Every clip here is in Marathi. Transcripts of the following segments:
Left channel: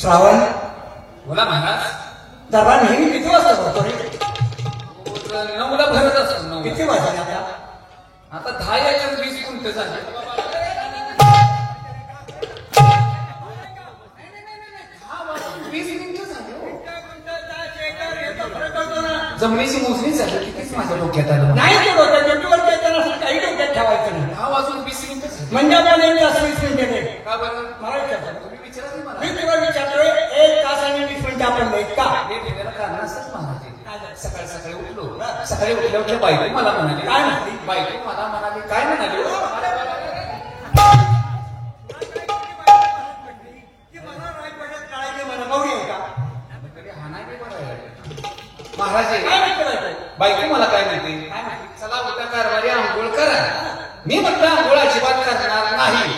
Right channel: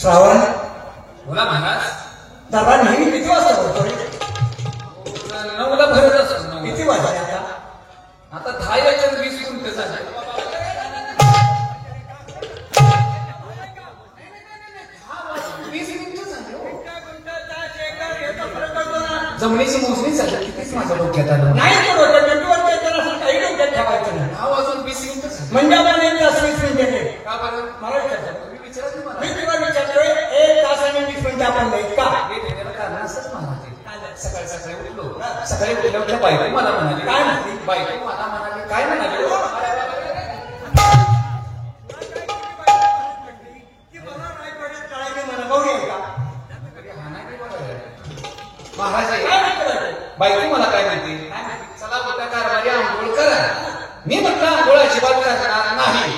श्रावण बोला महाराज. दरबार नेहमी किती वाजता होतो? 9ला भरत असेल. 9. किती वाजता आता? आता 10 याच्यात 20 मिनिटं झाले. जमिनीची मोजणी झाली. कितीच माझ्या डोक्यात आलं नाही ते होतं पेट्रोल त्याला असं काही डोक्यात ठेवायचं नाही. 10 वाजून 20 मिनिटं. म्हणजे आता नेहमी असं 20 मिनिटं नाही. का बरं? मला विचारतो. मी विचारलं मला. मी तुला विचारतोय 1 तास आणि 20 मिनिटं आपण देत का? हे देण्याचं कारण असंच म्हणाले. सकाळी सकाळी उठलो. सकाळी उठल्यावर बायको मला म्हणाली. काय म्हणाली? बायको मला म्हणाली. काय म्हणाली? महाराज बायको मला काय म्हणते? चला उद्या कारभारी आंघोळ करा. मी म्हटलं आंघोळ अजिबात करणार नाही.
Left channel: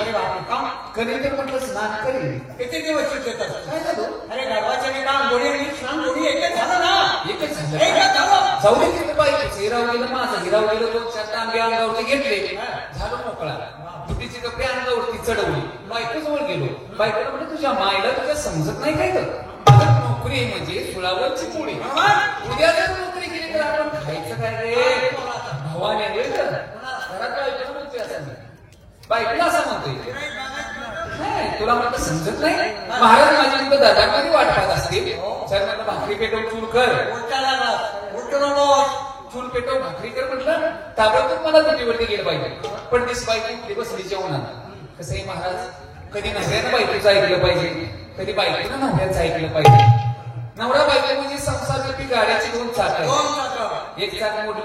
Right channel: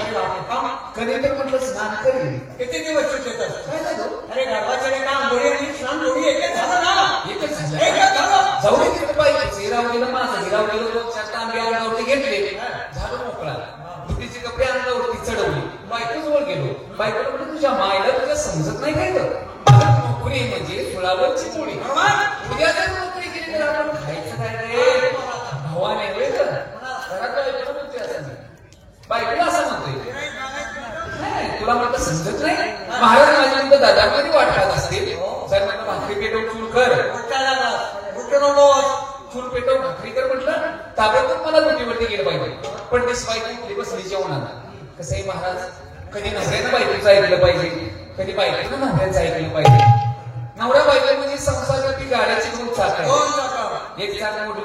कधी तर म्हटलं स्नान करेल. किती दिवस सुट्ट्या? अरे घराचं काम बोली आणि श्राम बोली एकच झालं ना. एकच झालं. एकच झालं. जाऊ दे की बायको हिराव गेलं माझं हिराव गेलं लोकशात आंबे अंगावरती घेतले. झालं मोकळा. बुद्धीचे कपडे अंगावरती चढवली. बायकोजवळ गेलो. बायकोला म्हणलं तुझ्या मायला तुला समजत नाही काय तर? नोकरी म्हणजे सुळावरची पोळी. उद्या जर नोकरी केली तर आपण खायचं काय रे? भावाने रे घरात बायको बोलते असं. बायकोला असं म्हणतोय. तुला मला समजत नाही. महाराज माझी इथं दादागिरी वाटत असतील. सर भाकरी पेटव चूल कर. चूल पेटव भाकरी कर म्हटलं ताबडतोब मला ड्युटीवरती गेलं पाहिजे. पण तीच बायको इकडे बसली जेवणात. कसंही महाराज कधी नसल्यानं बायकोचं ऐकलं पाहिजे. कधी बायकोनं नवऱ्याचं ऐकलं पाहिजे. नवरा बायको म्हणजे संसाराची गाड्याची दोन चाक आहे. एक चाक मोठं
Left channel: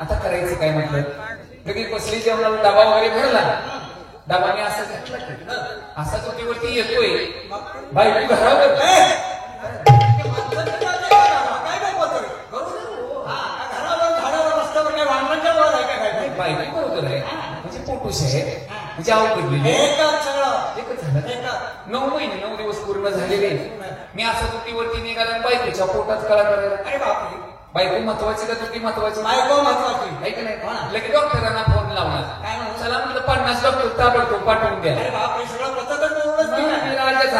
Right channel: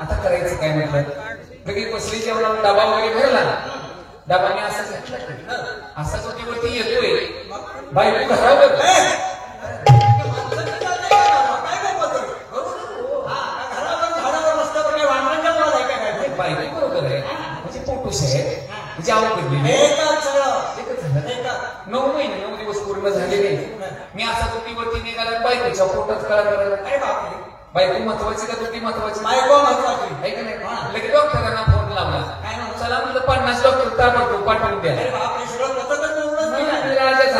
आता करायचं काय म्हटलं. कधी बसली जेवणात डबा वगैरे भरला. डबाने असं ड्युटीवरती येतोय. बायको घरावर एकच 9 महिने 9 दिवस पूर्ण झालेले. मी असा तुटीवरती निघाला. बायकोच्या पोटात कळा. बायको महत्वाची का तुटी महत्वाची? बायको महत्वाची. आहे का नाही? लगेच डॉक्टरांना फोन लावला. चला म्हणलं 50 डॉक्टर ताबडतोब पाठवून द्या.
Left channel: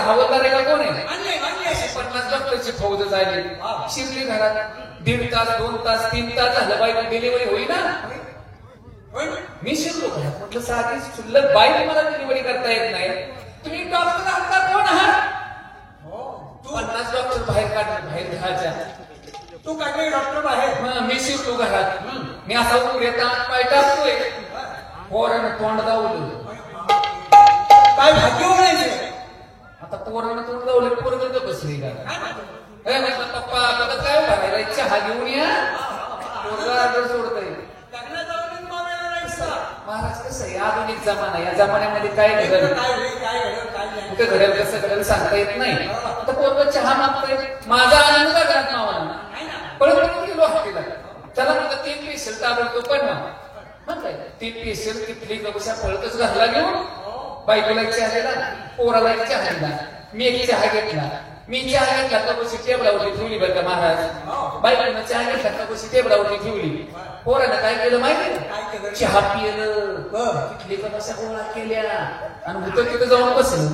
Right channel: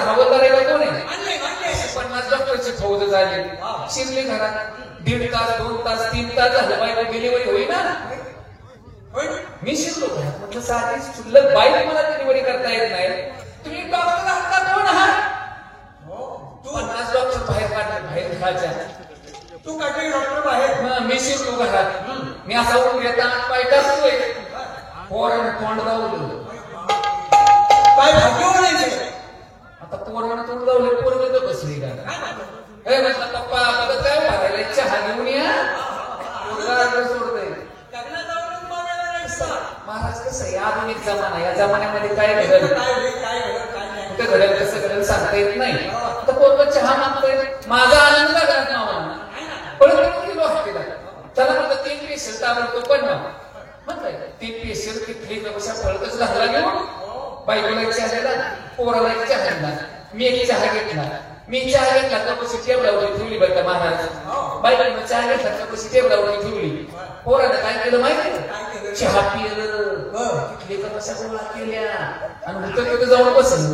हवालदार कोण आहे? 50 डॉक्टरची फौज झाली. शिरली घरात. 1.5 तास 2 तास 3 तास झालं. बायको डिलिव्हरी होईना. मी शिरलो. म्हटलं साधी शिल्लक बाई मला डिलिव्हरी करता येत नाही. तुम्ही डॉक्टर आहात कोण आहात? 50 डॉक्टर बाहेर काढले. बाहेर घराच्या. तू काय डॉक्टर आहे? मी शिरलो घरात. मी असा उघड्याचा पाय टाकतोय. पोरानं तोंड दावलं. काय भाजी ओढायचे? आता पोरानं तोंड दावलं. पोरगं बसली घरात. पप्पा आता काय करायला? चहा घेऊन या. सोडतोय. महाराज कसं आहे? आधुनिक जमाना. या जमान्यामध्ये काय घडलं? कुठे घडलं सगळं सांगता येत नाही. तर पोरगं चहा मागतोय. माझा आनंद करत नावा. परत गेलो हॉस्पिटल. त्याला म्हणलं 3 पेशल ताबडतो पण म्हणताय 3 पेशल किती पेक्षा फळकच घाला घेऊन. बायकोला चहा दिला. पोराला चहा दिला. मी एक चहा घेतला. मी चहा घेतला तर कशी टेबलावरती ठेवली बरं का महाराज. बायकोला चहा घेतला तर कशी टेबलावरती ठेवली. पोरानं काय केलं माहिती? चहा पिलं. कशा गोळा केल्या आणि होतं तिथं जाऊन बसलं.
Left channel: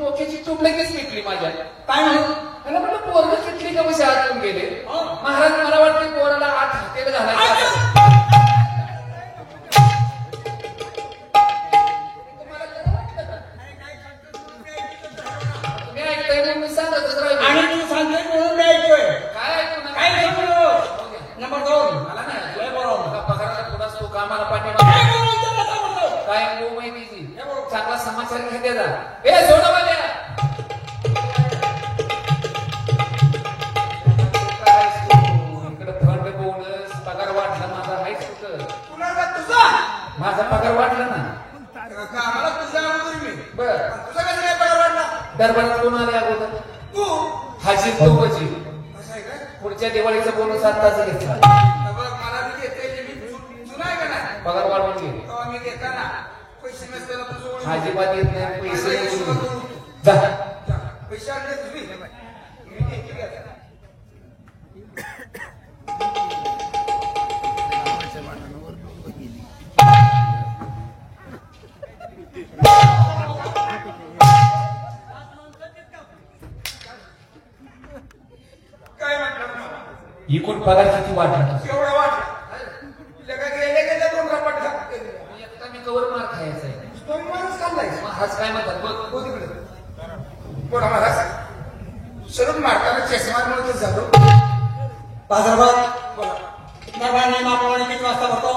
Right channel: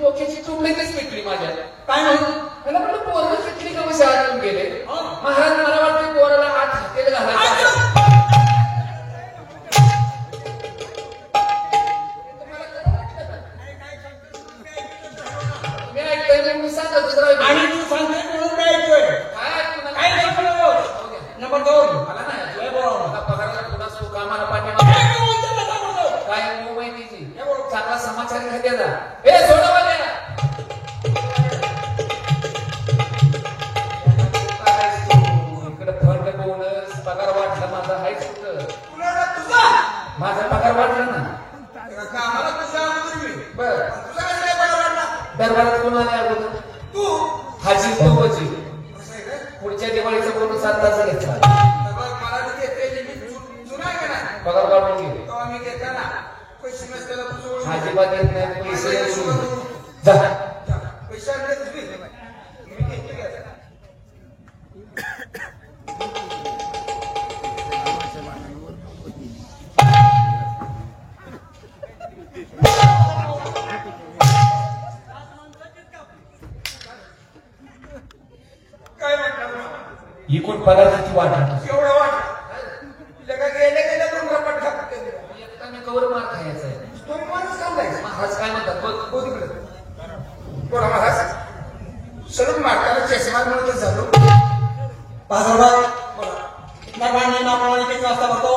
डोक्याची चूक लगेच मिटली माझ्या. काय मला म्हटलं पोरं किती का विचारून गेले. महाराज मला वाटतं पोराला आत हातेल घालायचं. मी ऐकलंय मी सांगत आणि तू सांगतोय म्हणून काय ऐकतोय? काय ऐकलो? नंबर 2 मला नाही बरोबर. कामाला पाणी काय माहिती चांगला समाचार घ्यायचा. ए सोडा पाहिजे. इकडे फरक बोनस पगार वाढला. माझा आहे तुझा माझा पगार वाढला ना. बर दरबारात कोण आले अगोदर? हाजी तो पुढच्या दिवाळीचा बोनस आता घेतला. पगार वाढवून गेले. अजिबात येत नाही. पैसे जा. एकूण पदार्थाची वाट आहे. एवढं वाट गेले एकटा मी कवर मार खायचा आहे. तुम्ही माणूस सांगायचं महाराज काय म्हणतात हो तिकडे बोला महाराज सरून मारताना चष्मा मिळतच झालो किती वाजता बघतो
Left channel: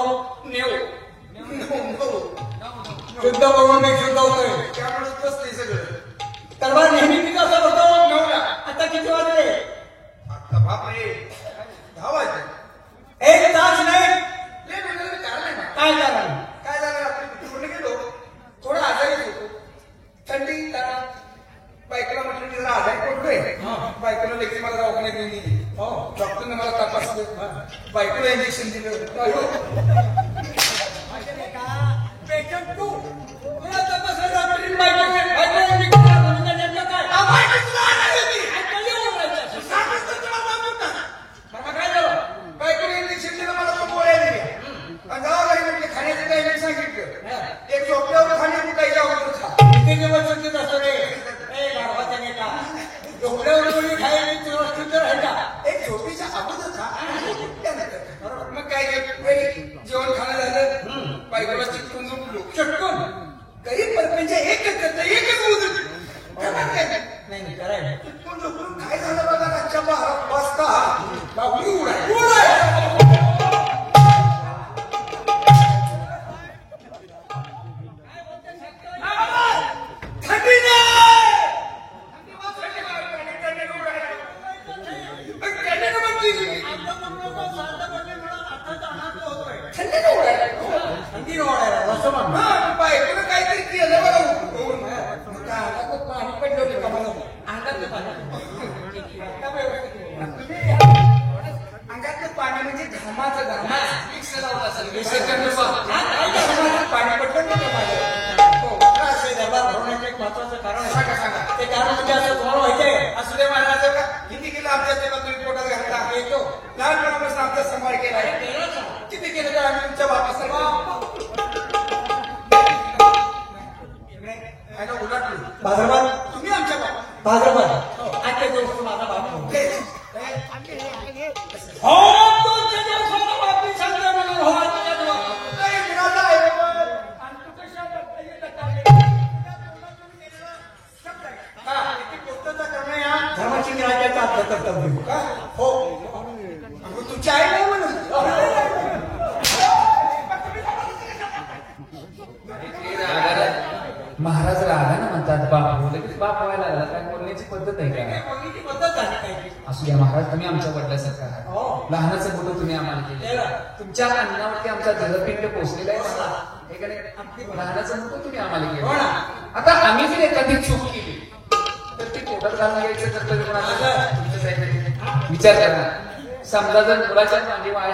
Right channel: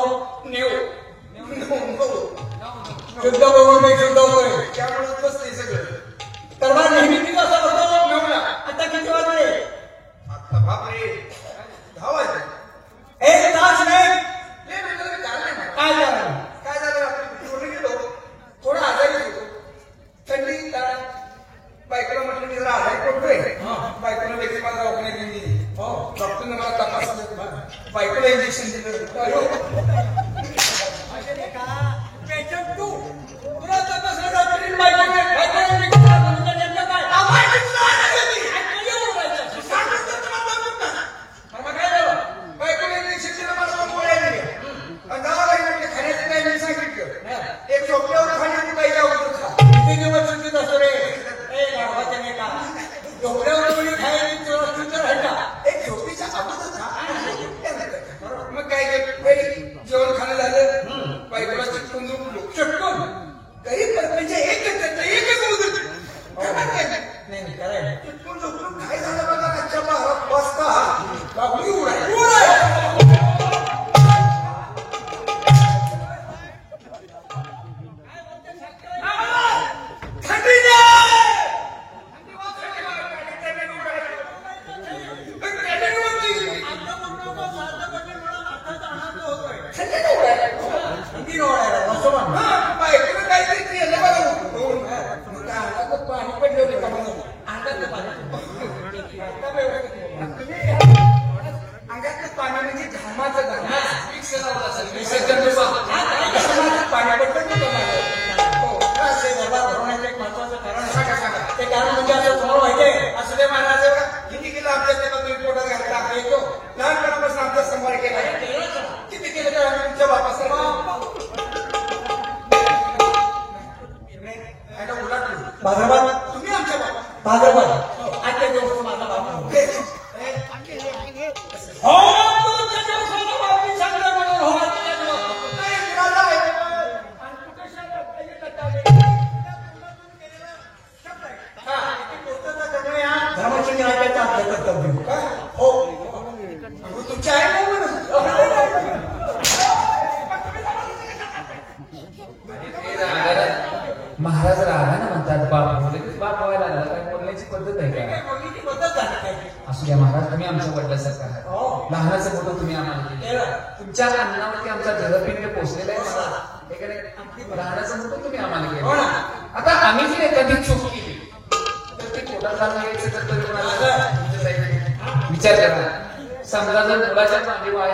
शुद्ध बघून मी शुद्ध होतोय त्यामुळे बसते सगळं तर मग नेहमी किती वाजता बघतो आता किती वाजले आता बापरे 10 वाजले. एक तास नाही लय वेळ काढला ना. काय झालं काय झालं आपण पूर्ण गेलो थोडा आजारी होतो थंडी बायकोला म्हटलं की जरा आजारी पडतोय बायकोला लगेच मला दवाखान्यात गेली डॉक्टरने मला तपासलं बायकोला इंजेक्शन दिलं पेशंट तू तुला तपासलं बायकोने इंजेक्शन दिलं मला गोळ्या दिल्या आणि दवाखान्यात म्हटलं खाण्याचं काही नाही सांगितलं एक झोपल्यावर खाण्याचं काही आवडतं खा किती दिवस सुट्टीत असतो रे डोक्यावर कोणी खायला चोर आहे का एक झोपेच्या अगोदर मग काय जेवण खाणं झालं बायकोला चटकून झोपलो चटकन गरीब म्हणजे एकच नाही करायला चटकून झोपून काय झालं बघा आजच्या 12 वाजता बाबू बायकोला काहीतरी केलं बघा पाणी पडलं अंगातलं पाणी म्हणजे घामाचं पाणी पडतं ते कारण म्हणजे असं तुम्हाला माहितीये असं ते माझ्या किती केलं आमच्या ते तुम्ही पोटात घालायला येतो लहानपणापासून आमचा संभार केला किती केलं का आम्ही तुमच्या बापासला भाद्रपद तुम्ही आमच्या बाबा भाद्रपद आजच्या दिवस माझा बाबा धर्मचंद्र राजाचा आपलं कर्तव्य हो तुमच्या आहे ना महाराज राहा ना म्हणतात बाबा लगेच बाप व्हायला काय बोलण्याची पद्धत आहे का कोणीची पद्धत आहे काय असू द्या महाराज तुम्ही आमच्या वडिलासारखा आहात लहानाचं मोठं तुम्ही आम्हाला केलं. तुमच्या अन्नावरती आमचा जलपिंड पोचलेला आहे लहानाचं मोठं तुम्ही आम्हाला केलं. आता आम्ही जर एखादी चूक केली तर ती पोटात घालायचं विचार करा समजा जर मुलाच्या चांगली वाय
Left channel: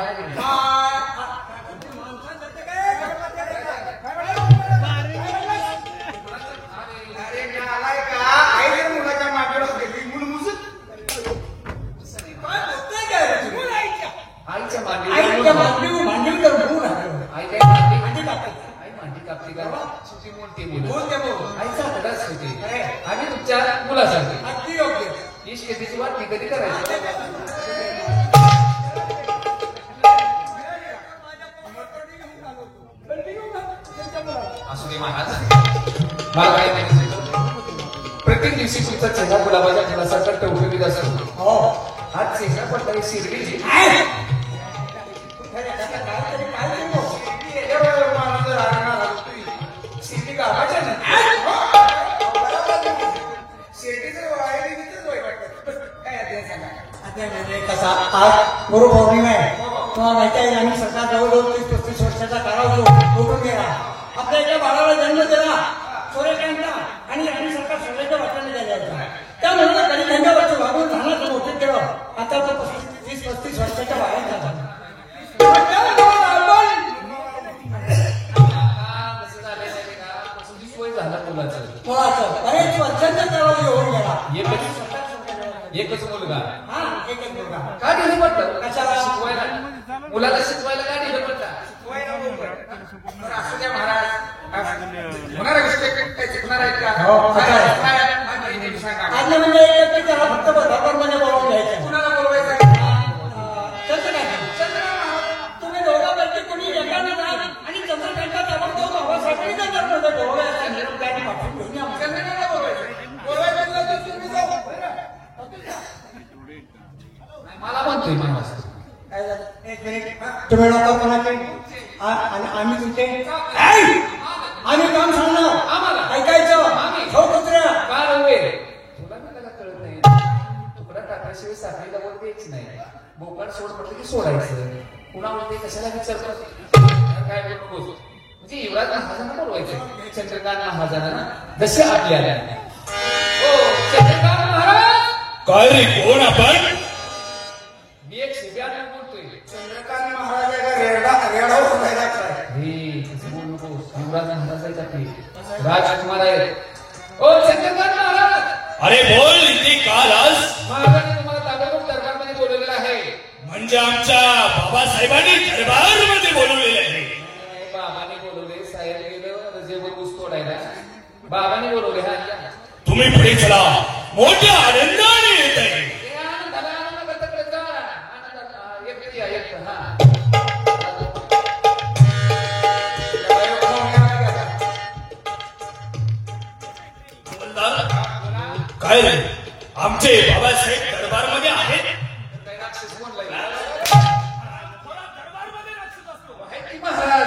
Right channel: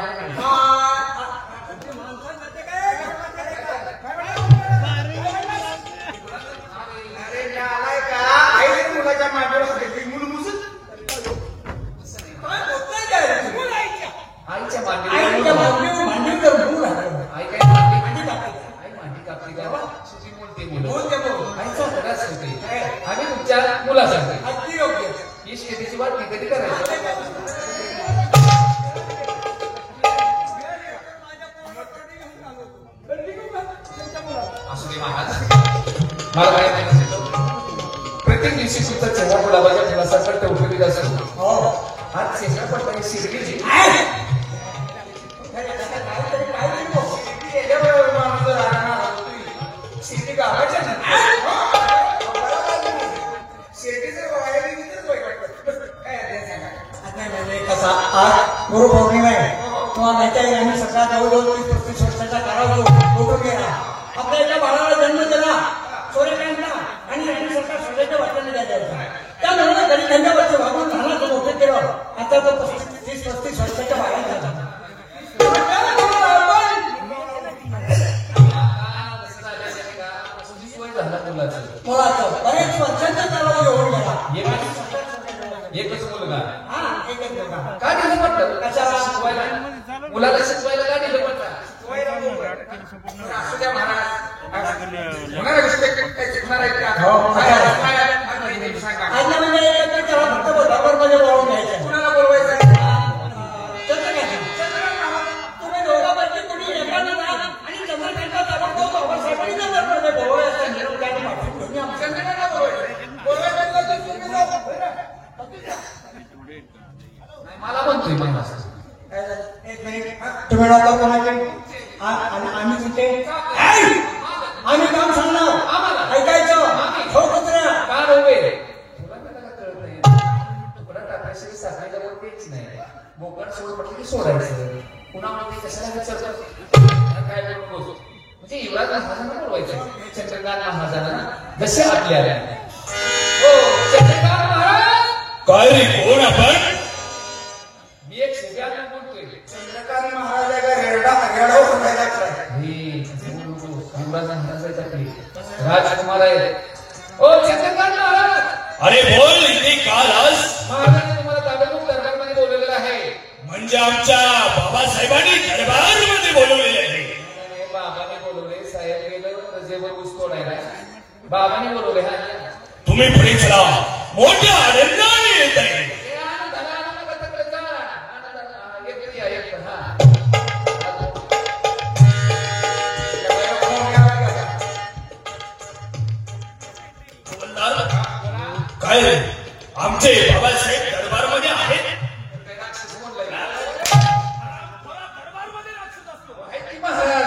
आईच्या मांडी भांडी कर आई काय मांडी कापली का सुशी म्हणते आईचा मुलाच होते आणि तुमच्या मुलासाठी अगदी योग्य ही शेतीची वाट मी कधी करायची असू दे महाराज मला काय माहिती प्रत्येक दिवशी सुद्धा चेहरा गुलाबाच्या फुलासारखा टवटवीत असतो आज चेहरा पण काही शिरलीची शेती गावाच्या शेतीचं वायर आज गुरुपौर्णिमा आहे तुम्हाला माहिती आहे आम्ही सकाळ जवळजवळ 30-35 वर्षाचा काळात उठून गेला आपल्या एका बाळाला जन्म दिला सूर्यकांतला आणि आम्ही सकाळ सूर्याच्या वाट्याने द्यायला होता त्यामुळे कधी धंद्यावरती वागून लहानाचं मोठं केलं आता तो 30-35 वर्षाच्या बाहेर झाला मुलाचं बरेच वर्षांच्या काळात येऊन गेला एकच मुलगा हा एकच मुलगा काय दिलं वाटतं शिकवायला मुलाला शिकवायला काय दिलं वाटतं असू द्या महाराज होणार काही शिकणार आहेत का आज म्हणजे एकत्र त्याला फक्त बरोबरमध्ये बोलावून घ्यायचं कुणाला बोलवायचं आम्ही तुमचे आम्ही काम सांगणार ऐकायचं हो कुत्रा का नव्हे तुला मी जरा कळत नाही तुकडा टाकायची साखरेला तेच नाही बोकाड सोड म्हटलं की सोडायचं कुणामध्ये कशाला विचारतात काय नको म्हणजे युवराज महाराजांना बोलवायचं चंद्रकांत महाराजांना जसे आपल्याला हो चंद्रकांत महाराज काय रे कोण आपण मी एक सुग्याला बोलतोय चंद्रकांत महाराजाचा रेडा सोडायला राजकुमार आहे ओ चंद्रकांत महाराज अरे बोल इथे काल आज महाराजांनी तुम्हाला ताबडतोब दरबारमध्ये बोलवलेलं आहे म्हणजे आमच्या बाबासाहेबांनी दरबारमध्ये बोलवलेले आहे बाबाने बोलवले साहेब गेलं जे ऊस तोडायला बाबाने बोलवले तुम्ही पुढे चला मोठ्या आनंदाने येत आहे काय रे आमचे बाबासाहेब दरबारमध्ये आहेत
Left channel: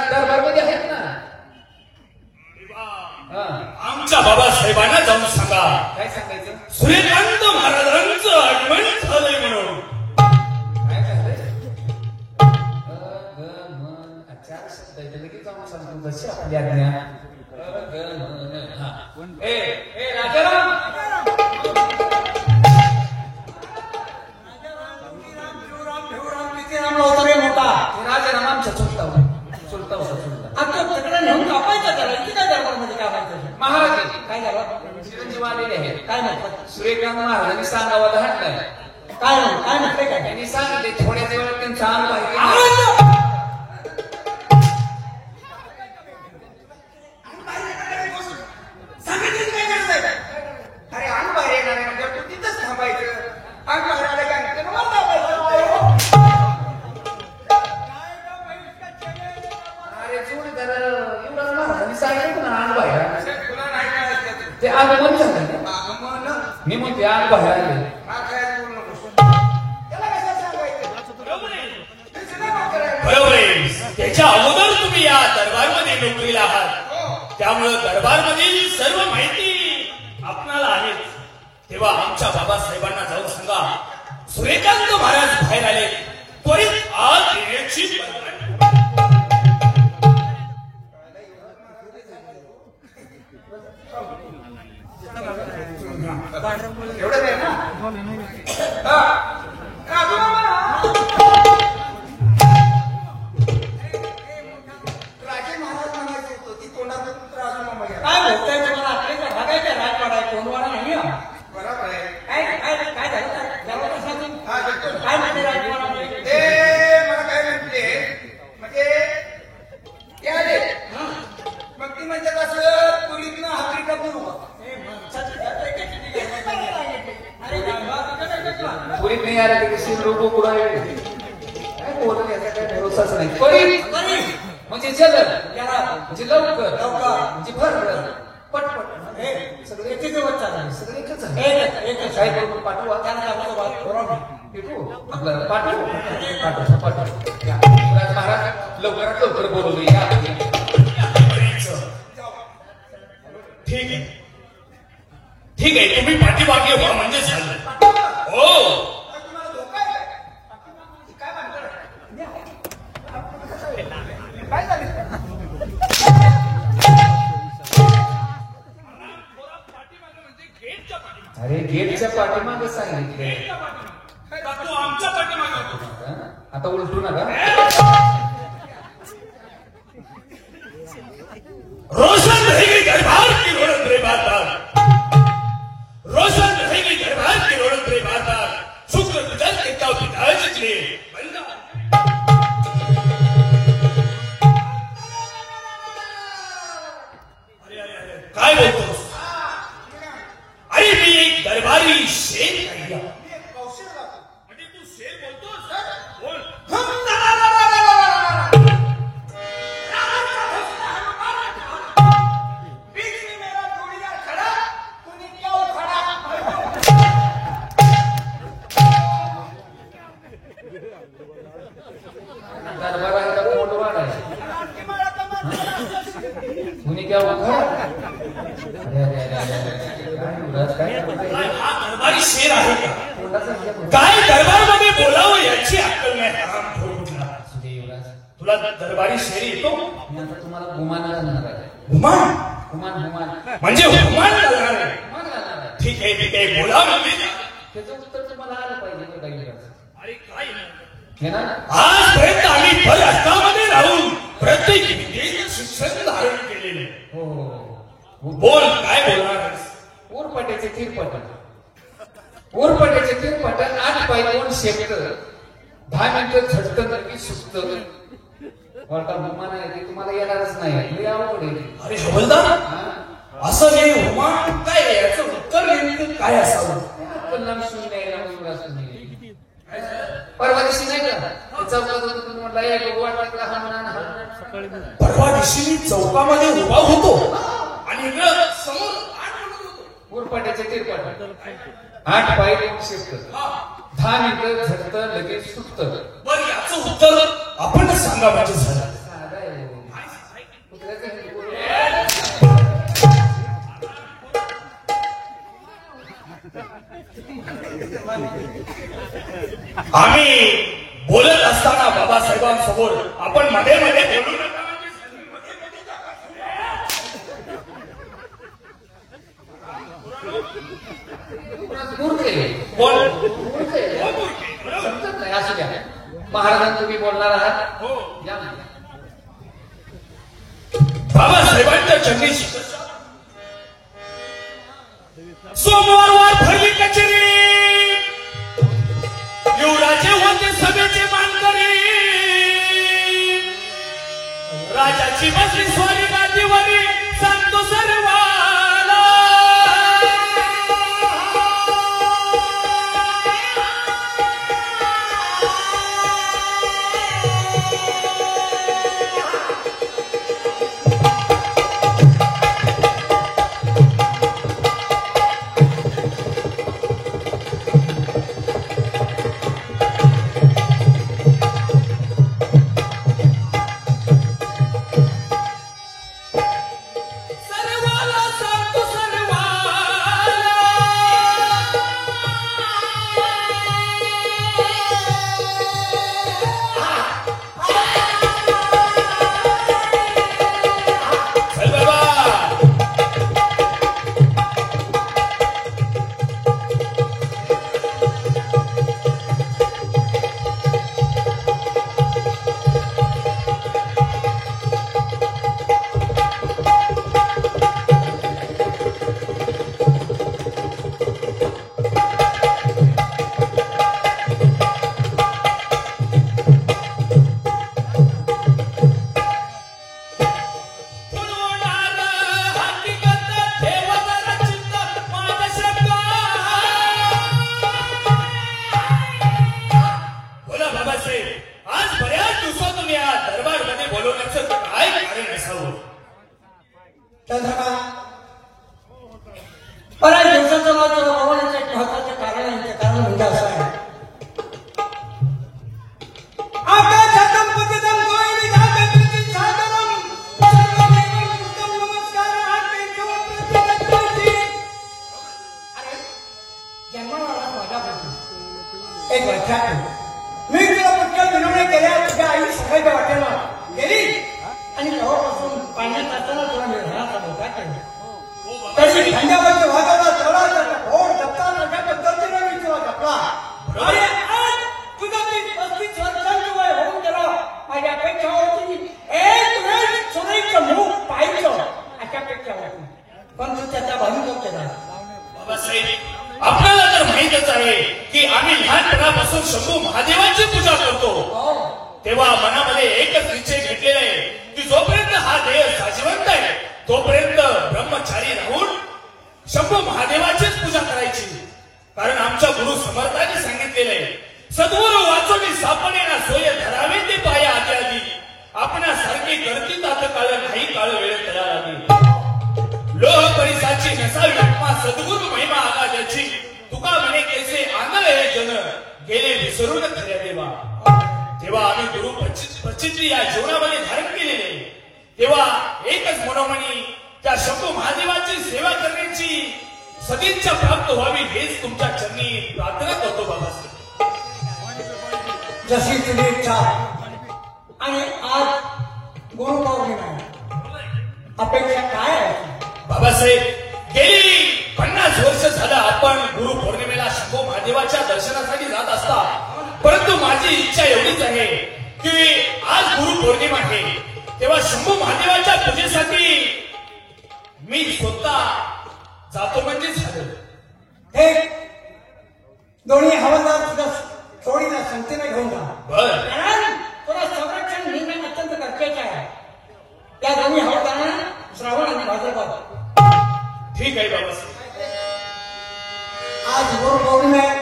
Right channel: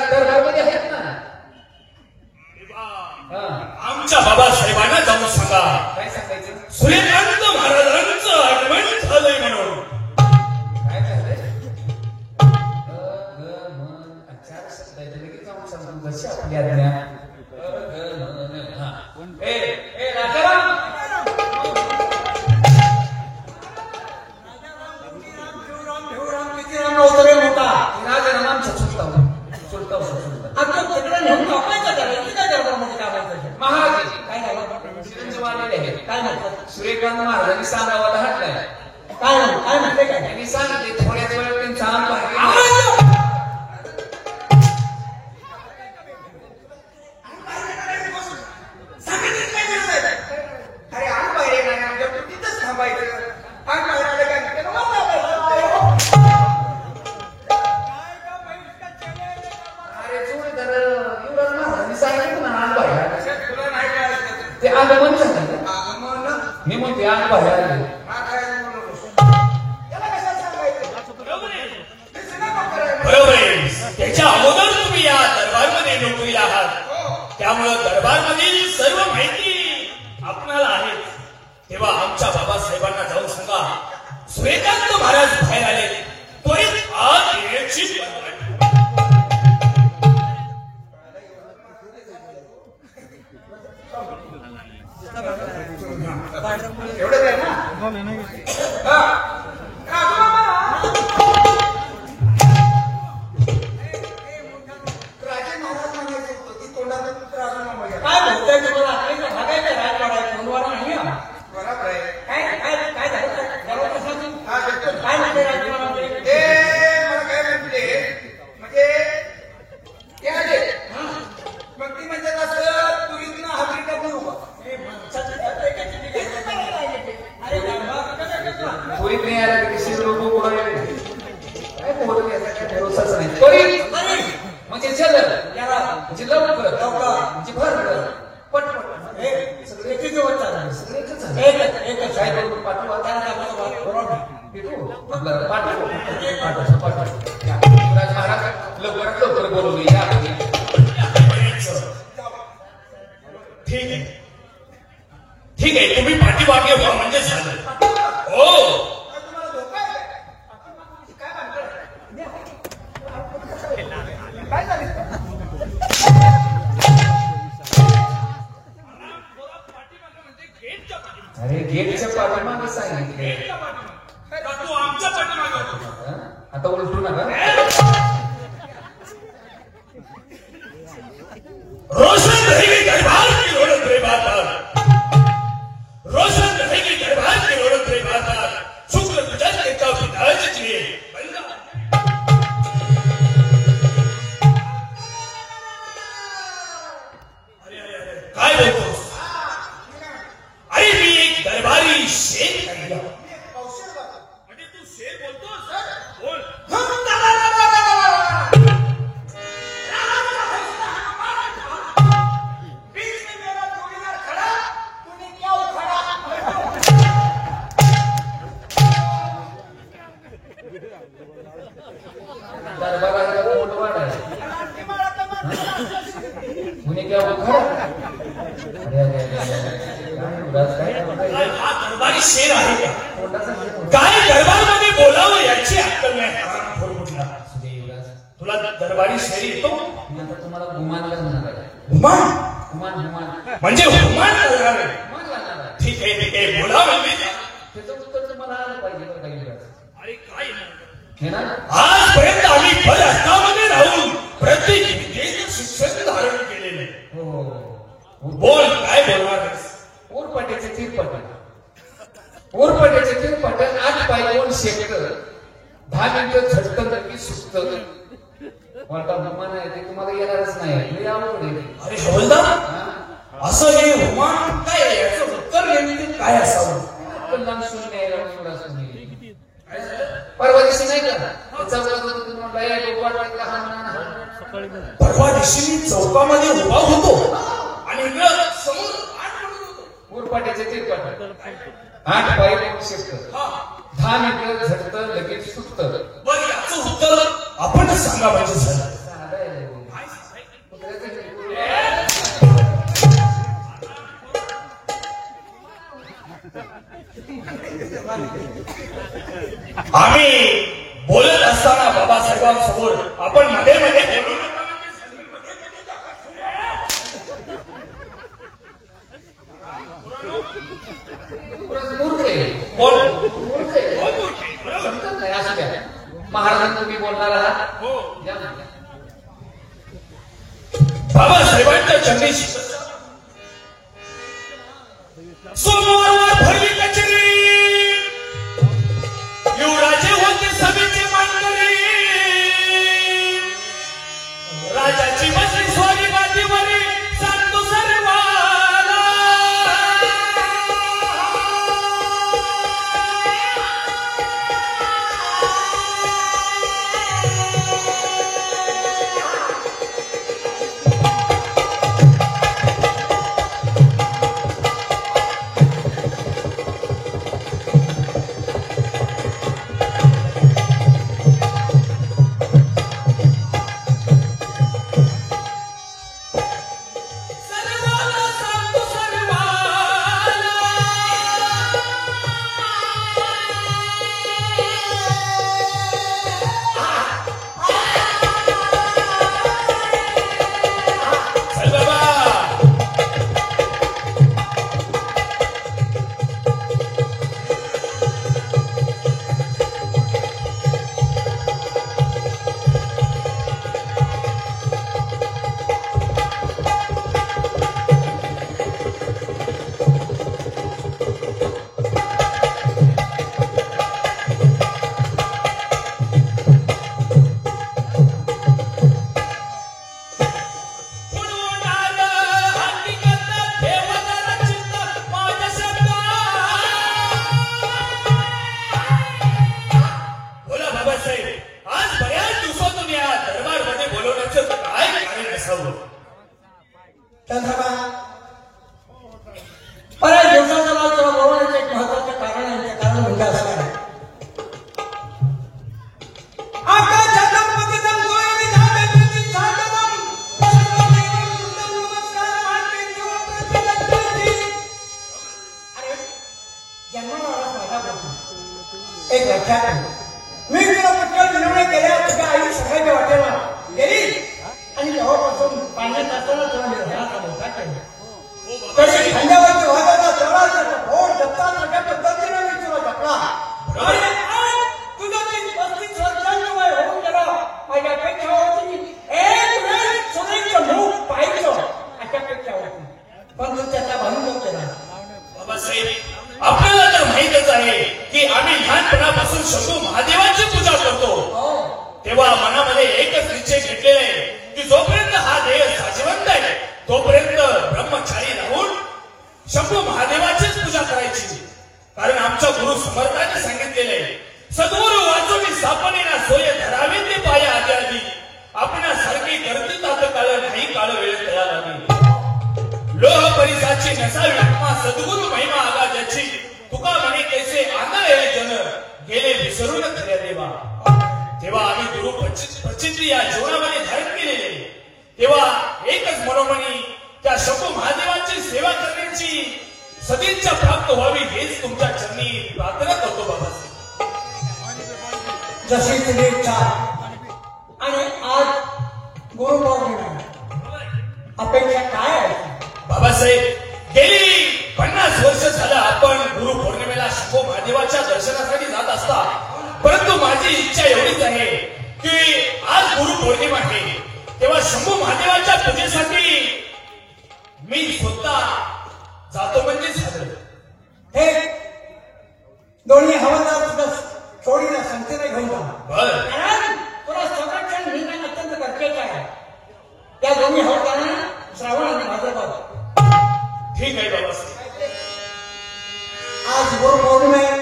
दरबारमध्ये आहेत ना आमच्या बाबासाहेबांना जाऊन सांगा काय सांगायचं सूर्यकांत महाराजांचं आगमन झालंय म्हणून काय झालंय चार शब्द आहेत लगेच जाऊन सांगतो जशी आपली आज्ञा ए राजाराम श्रीकांत महाराजांनी सांगावं हटलंय काय म्हणते काय त्यांनी सांगितले थोड्याच वेळ त्यांचं अंग अरे आम्ही बाहेर येणार तिथंच थांबायचं अरे तुम्ही तर सांगितलं ना अंग तुला नाही करायचं ते अंग म्हणू शकतात मी म्हणते अंग बाहेर बरोबर आहे. त्याच्या अगोदर तुम्ही या दरबारमध्ये नोकरीला आहात त्यामुळे दरबारमधील सर्व माहिती आपल्याला आहे तेव्हा आमच्या बाबासाहेबांना जाऊन सांगा सूर्यकांत महाराज बाहेर आले त्वरित आत येण्याची एवढंच आहे ना राजे महाराज म्हणायचे होतं की कोणाचा पुत्र असं नाव काय बोलतोय तुम्हाला आपल्याकडे बघायचं राजवाडा फोनवर नाही हा. बरोबर आहे काय झालं हा, बिलकुल. काय म्हणते राजवाडा ते मग काय म्हटले म्हणजे त्या आले. मग ती म्हणजे कसं पुरीतनं हातीतनं करू पुरीत नाही आला की कशी लोक उडाले म्हणजे जिल्हा म्हणजे पटपट किती दिवस चालला एकच आहे लवकर बोलवली ठीक आहे ठीक आहे तुम्ही पाठीमागे व्हा म्हणजे झालं हो तुम्हाला धोका आहे काय म्हणतात काय झालं अरे गेटच्या पाठीमागे सांगितले तू आमच्या पाठीमागे होतो आता उलटू नका रोशन रहेगी दरबार की ओढ़ रे बाता रोशन रहेगी दरबार की ओढ़ रे बाता शुक्र गुजर के तो विधायक लिए काय बोलतोस अरे मी एक दरबारी शेर आहे म्हणजे तू शेर बोलतोस बोल कुणी किंवा काय हा दरबारी शेर आहे का? काय दरबारामध्ये बोलावं याची अक्कल नाही हा प्रभूला. तुला दरबारी शेर येतो? तुम्हाला गुमानला म्हणतात. हुमान गुमान म्हणजे हुमान बोलावे. ठीक आहे बोलावं मी. त्याचं उत्तर तुम्हाला आलं पाहिजे काही वेळेस. अरे काय नाही. हे ना आजपर्यंत आम्ही भर अष्टामध्ये राहून प्रत्येक एक शिक्षण धारण केलेले. हो हो हो. बोल काय बोलणार आहेस? ऊरपाट्याचे चिरपट ऊरपाट्याचे चिरपट 8 पाय 2 शेकर 10 मिनिटं झटकन की सुस्त वाटा गुमान आहे ते तुम्हाला येणारच नाही. हे आवड आहे. अरे हवलदार असं हे हुमान काय याचं उत्तर नेमकं काय असावं? लांब शून्य आहे, लांब सुद्धा शून्य आहे. परवा दिवशी नाही का चौकात तुम्हाला एक वाट वाटला हा म्हणा. परवा दिवशी मी चौकामध्ये उभा होतो आणि इकडं समोर ऊरपाट्याचे चिरपट 8 पाय 2 शेकर 10 मिनिटं झटकन लगेच सुस्त. बरं याचं उत्तर आपणच सांगा माझं झालं. आम्ही बोलत असताना बाबासाहेबांसमोर आपण मध्ये महाराजांना तुम्ही बोलणार आहात. बाबासाहेबांच्या चंदी सोमवार भरली कचेरी युवराजे होते सभेचे मानकरी राजाची बसली स्वागताची वरी सांगतो सर्वांना एक लक्षात मी तुला पटकन विनवणी केल्या तुझ्या आई सगळ्या वाटेला गेली आणि तेव्हापासून पाण्यात असताना तुला निर्धाराचा मोठा केला. तशी खांद्यावरची वाजवला तेवढा भोर जपता मोठ्या पद्धतीने मी तुला जपला. तुझं मी 35 वर्षांचं वय होऊन गेलं. माझी अपेक्षा होती एक वेळ सुरेखचं मुख पाहायचं अशा अपेक्षा होती. पण तू त्याचा भांडण केला. बाबासाहेब आपल्याला तर माहितच आहे की आम्ही लहानपणापासून शंभू महादेवाची पूजा करतो. तेव्हा मनामध्ये एकच निश्चय घेतलेले की जोपर्यंत हा देह साजिवंत आहे तोपर्यंत ब्रह्मचारी राहून शंभू महादेवाचीच पूजा करायची. कारण आमच्या गुरु समर्थांनी सांगितलेले सद्गुरु वाचवी सापनेना सोय धरावे ते पाया आदरणी आपणासारखी गर्दी तात काळ नाही काळ वेळ तयार आली. लोह परिसाची नसावी आत्मा सद्गुरु महिमा आला ज्याची तुका म्हणे कैसे आंदळे जन गेले विसरून खऱ्या देवा. तेव्हा आम्ही गुरु प्रचिती या जीवनामध्ये धारण केलेले तेव्हा एकच मनोमनी त्या शंभू महादेवाची सेवा करण्याची सदिच्छा प्राप्त व्हावी हेच तुमच्या चरणी प्रार्थना करतो बाबासाहेब. जशी तुझी इच्छा. आणि आज गुरुपौर्णिमा आहे. अपेक्षा काय आहे? बाबासाहेब गेली 50 वर्ष झालं आपण गुरुपौर्णिमेला शंभू महादेवाच्या दर्शनासाठी जात असता, परंतु माझी इच्छा एवढीच आहे की आज गुरुपौर्णिमा आहे तेव्हा शंभू महादेवाच्या पूजेसाठी मी स्वतः जातो म्हणजे झालं. हे दोन्ही हवालदार सुद्धा चोरीला संतीने घेऊन जा. बरं कारण तुला संरक्षण निर्णय अत्यंत गरजेचे आहे. त्या दोन्ही हवालदारांना श्रावण आणि भाद्रपद. ठीक आहे बाबासाहेब. आज गुरुपौर्णिमा आहे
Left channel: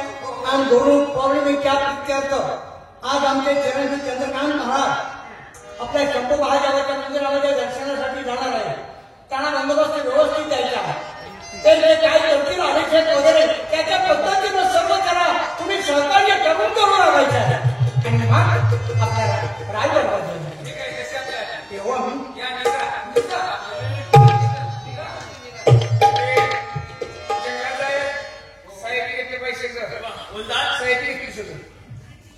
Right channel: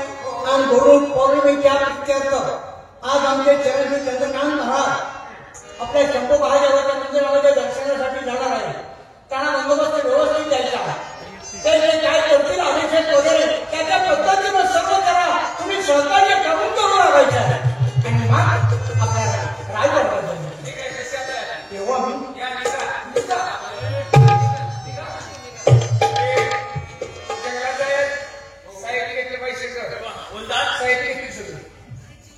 आणि गुरुपौर्णिमेच्या प्रित्यर्थ आज आमचे चिरंजीव चंद्रकांत महाराज आपल्या शंभू महादेवाच्या मंदिरामध्ये दर्शनासाठी जाणार आहे. त्यांना बंदोबस्त व्यवस्थित द्यायचा आहे. ते जे काय करतील अभिषेक वगैरे त्याच्या पद्धतीनं सर्व करा. तुम्ही स्वतःच्या जबाबदारीवर लागायचे आहे. त्यांनी मग आपल्याला रायगड बदलले. तेव्हा मी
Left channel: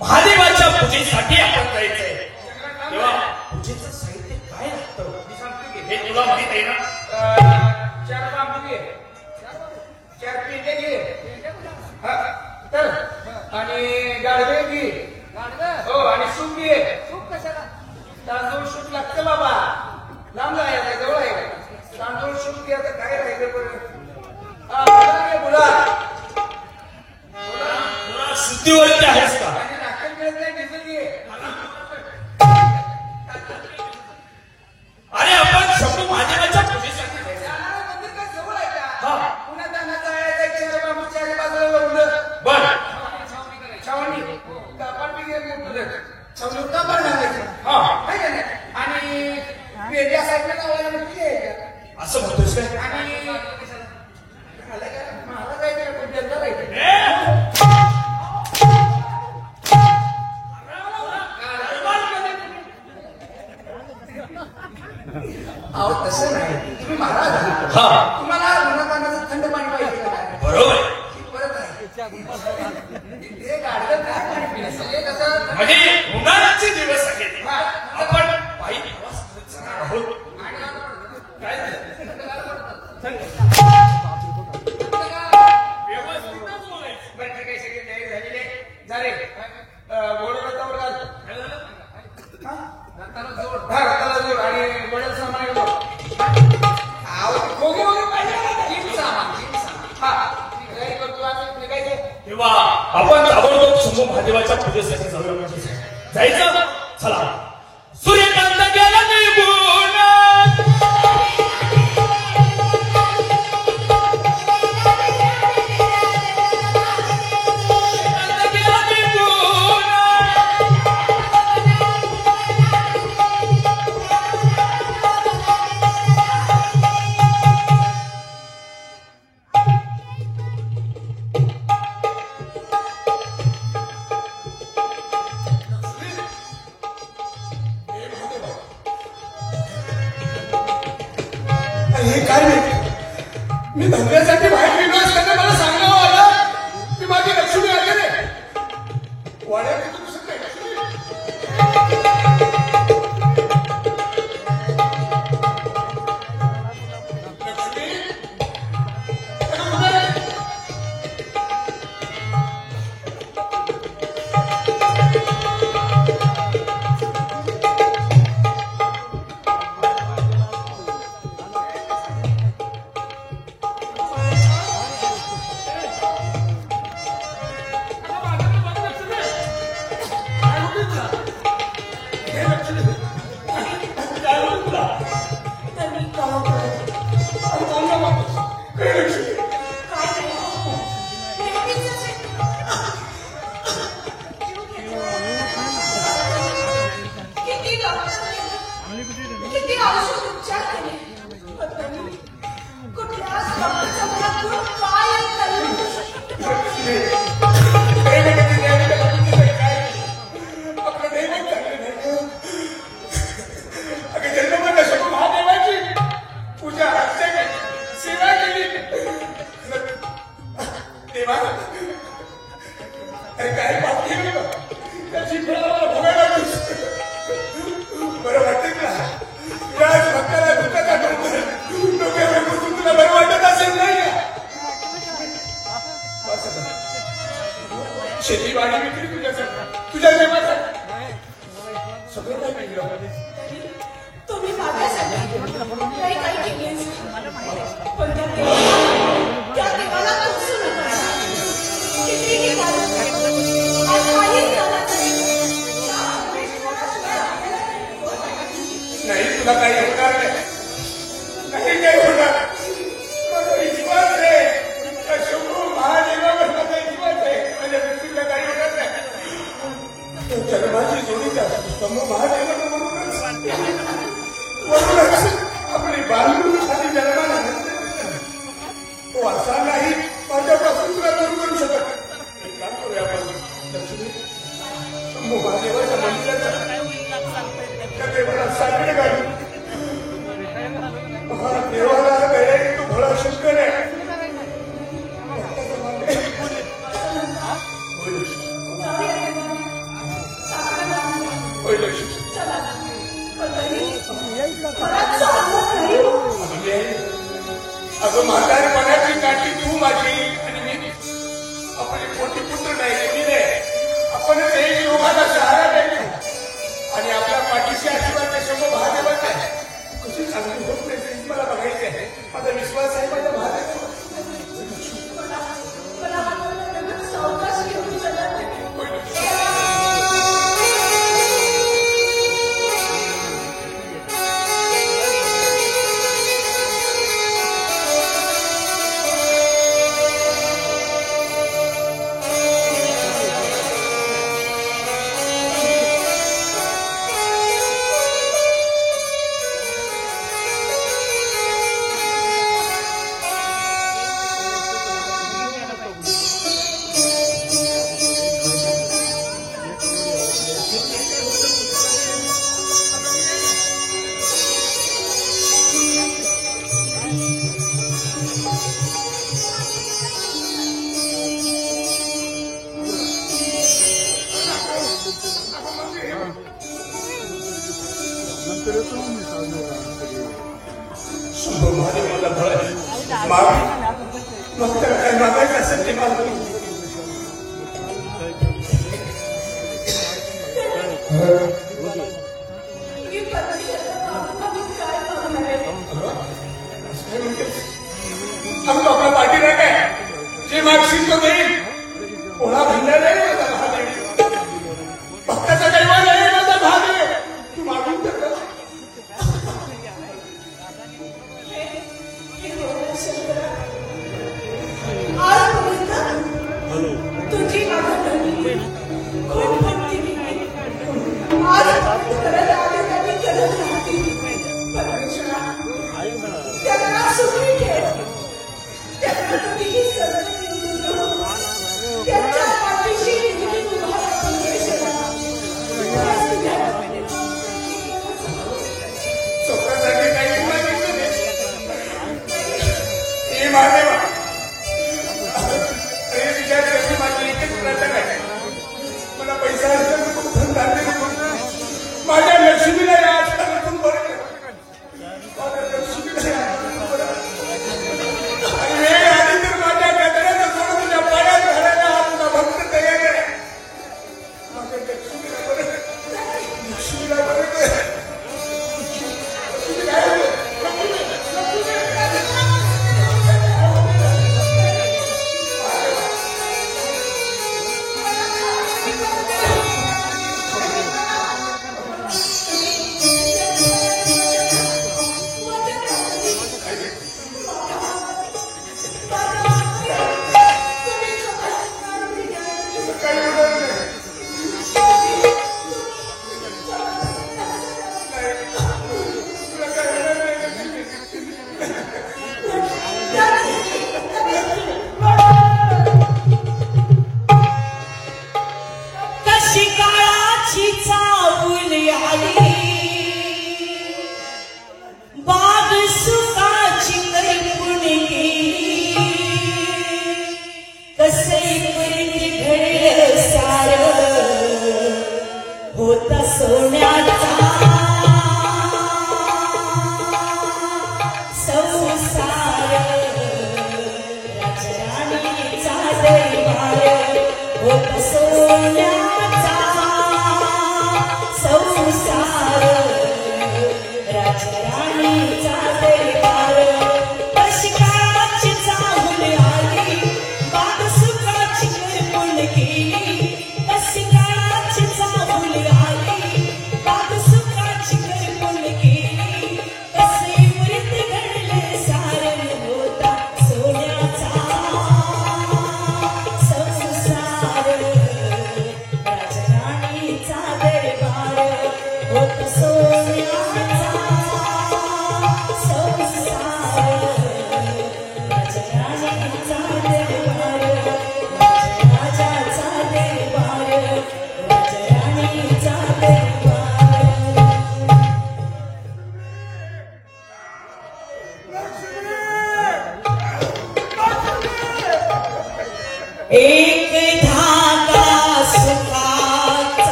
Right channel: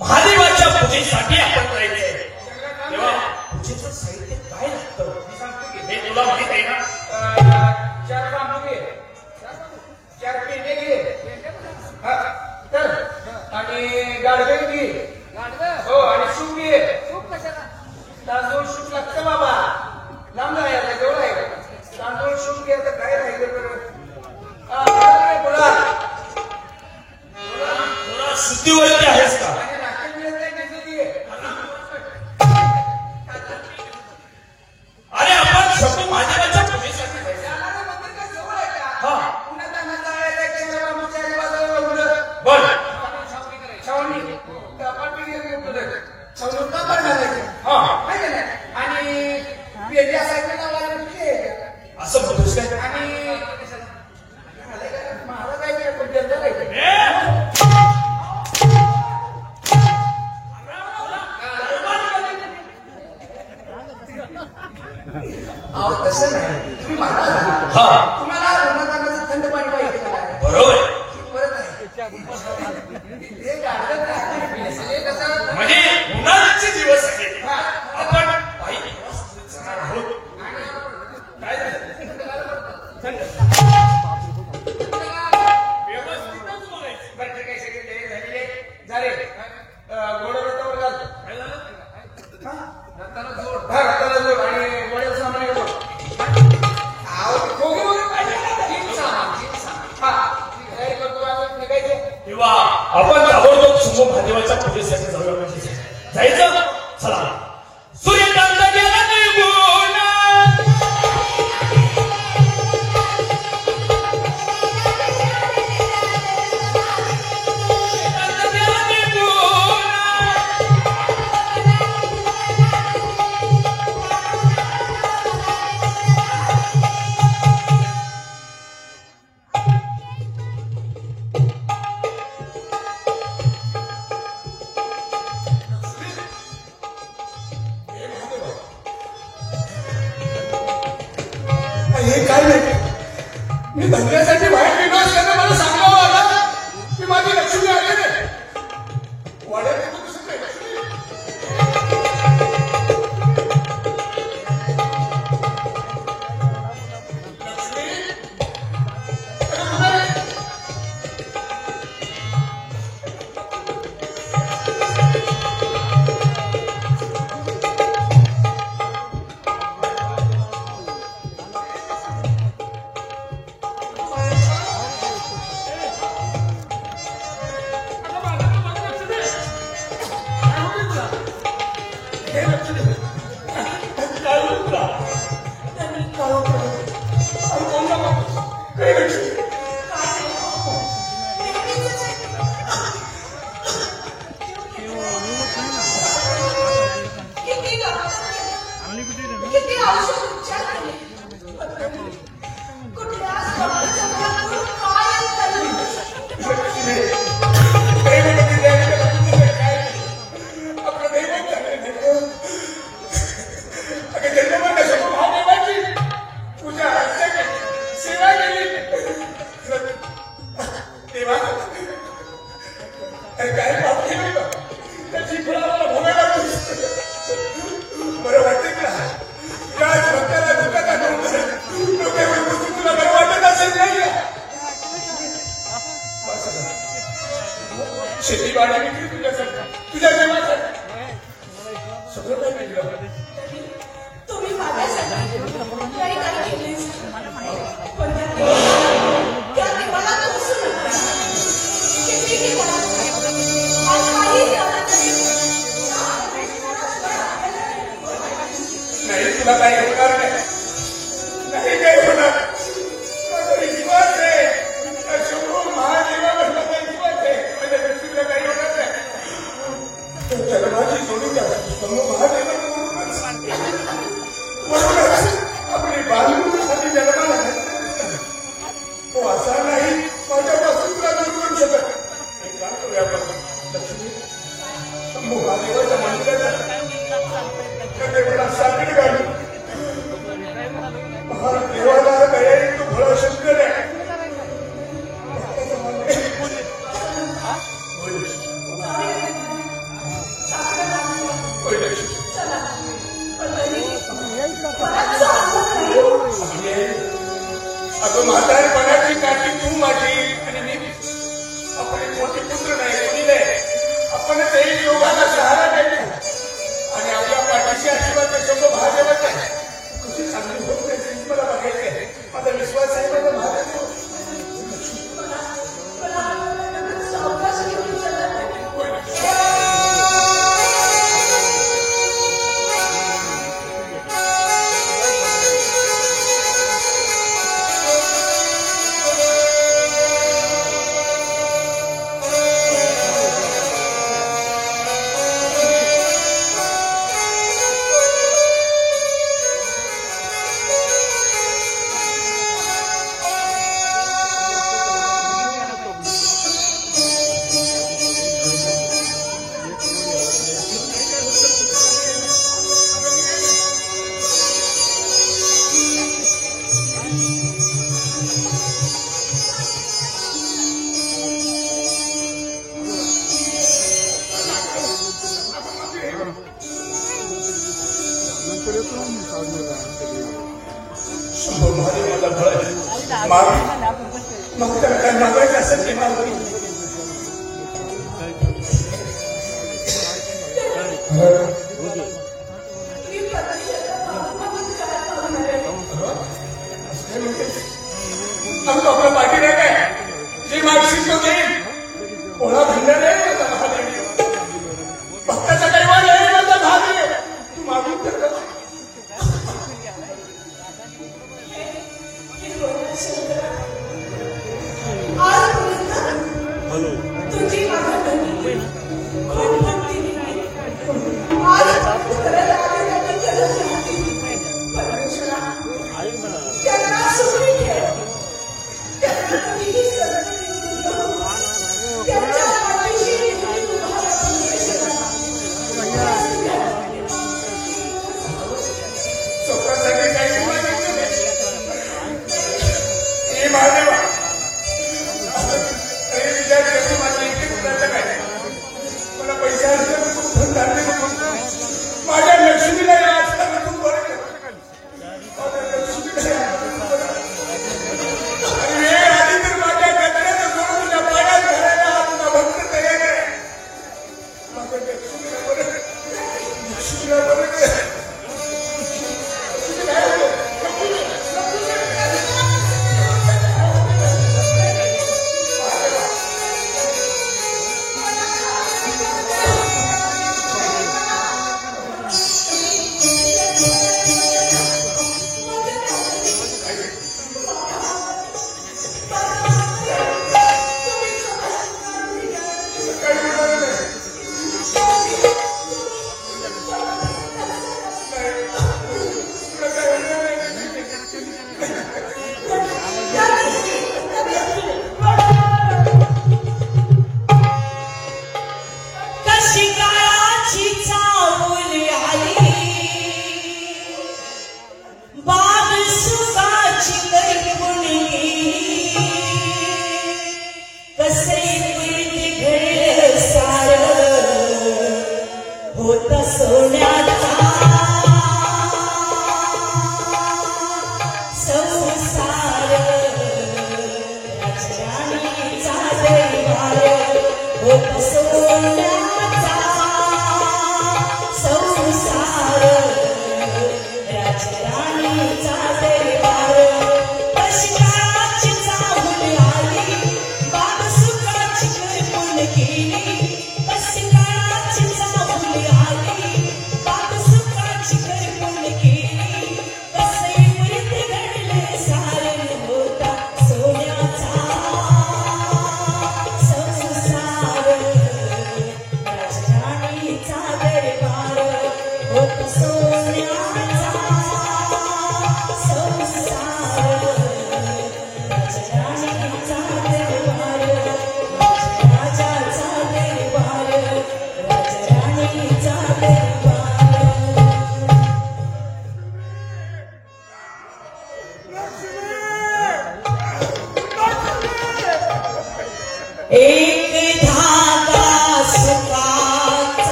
महादेवाच्या पूजेसाठी आपण करायचंय तेव्हा पूजेचं साहित्य काय लागतं हे तुला माहित आहे ना? 4 रामफुगे, 4 पेंडे घे. हा, तर आणि गाडगे घे. हो आणि सूप घे. तांदूळ सूप लागतं बाबा. लांब नाही आता जवळ आहे. तांदूळ सूप घे. तर काय राहिलं? हा बोला थोडा शुद्धीवरती आहेस का? आणि नाटक मिळत नाही किती घे. अरे आपण शंभू महादेवाच्या पूजेसाठी जायचं. हा बरं आणि वेगळ्या साईडला लावायला असं म्हणतोस काय? आणि मला जायचं पण त्यांना जायचं. तसं नाही. तुम्ही महाराज हा तुम्हाला उन्हातानाचं थंड पाणी पाहिजे का? बरोबर आहे. परत आहे ते गाडलं नाही. कसं म्हणजे उन्हाळ्याचे दिवस आहेत आपण काही दिवस आहोत. काय झालं? व्यवस्थितच बोलायचं. बरं काही सगळे झालेले झाले गोडवता बोलाल. काय झालं? रत्नाला जोड. हा रत्नाला जोड आणि गोड्याचं सामान आहे बघ. तेव्हा आपण ताबडतोब शंभू महादेवाच्या पूजेसाठी जाऊया म्हणजे जायचं. चला सूर्यकांत गेला निघून. सूर्यकांत गेला निघून. हे काय नाही. मी धंद्यासाठी बाहेर निघलो असताना मला सांगावं लागलं की माझी लक्ष्मी आली नाही. वाड्यात येतो कसं काय?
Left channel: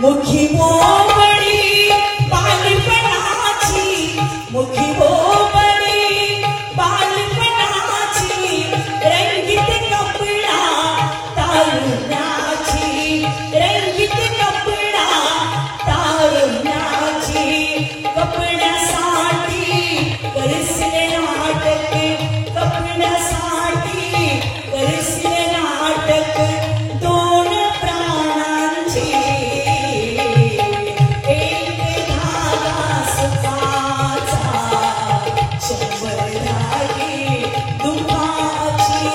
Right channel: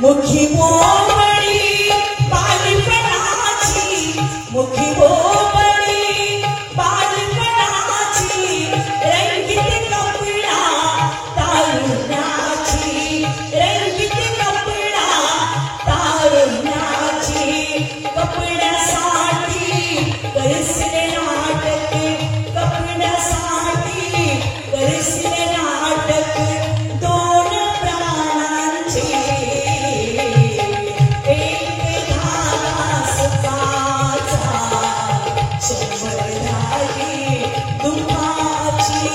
मुखी बोबडी बालपणाची मुखी बोबडी बालपणाची रंगीत कपडा तारुण्याची रंगीत कपडा तारुण्याची कपड्यासाठी करसिले नाटक कपड्यासाठी करसिले नाटक दोन प्राणांचे एक धागा सुखाचा शंभर धागे दुःखाची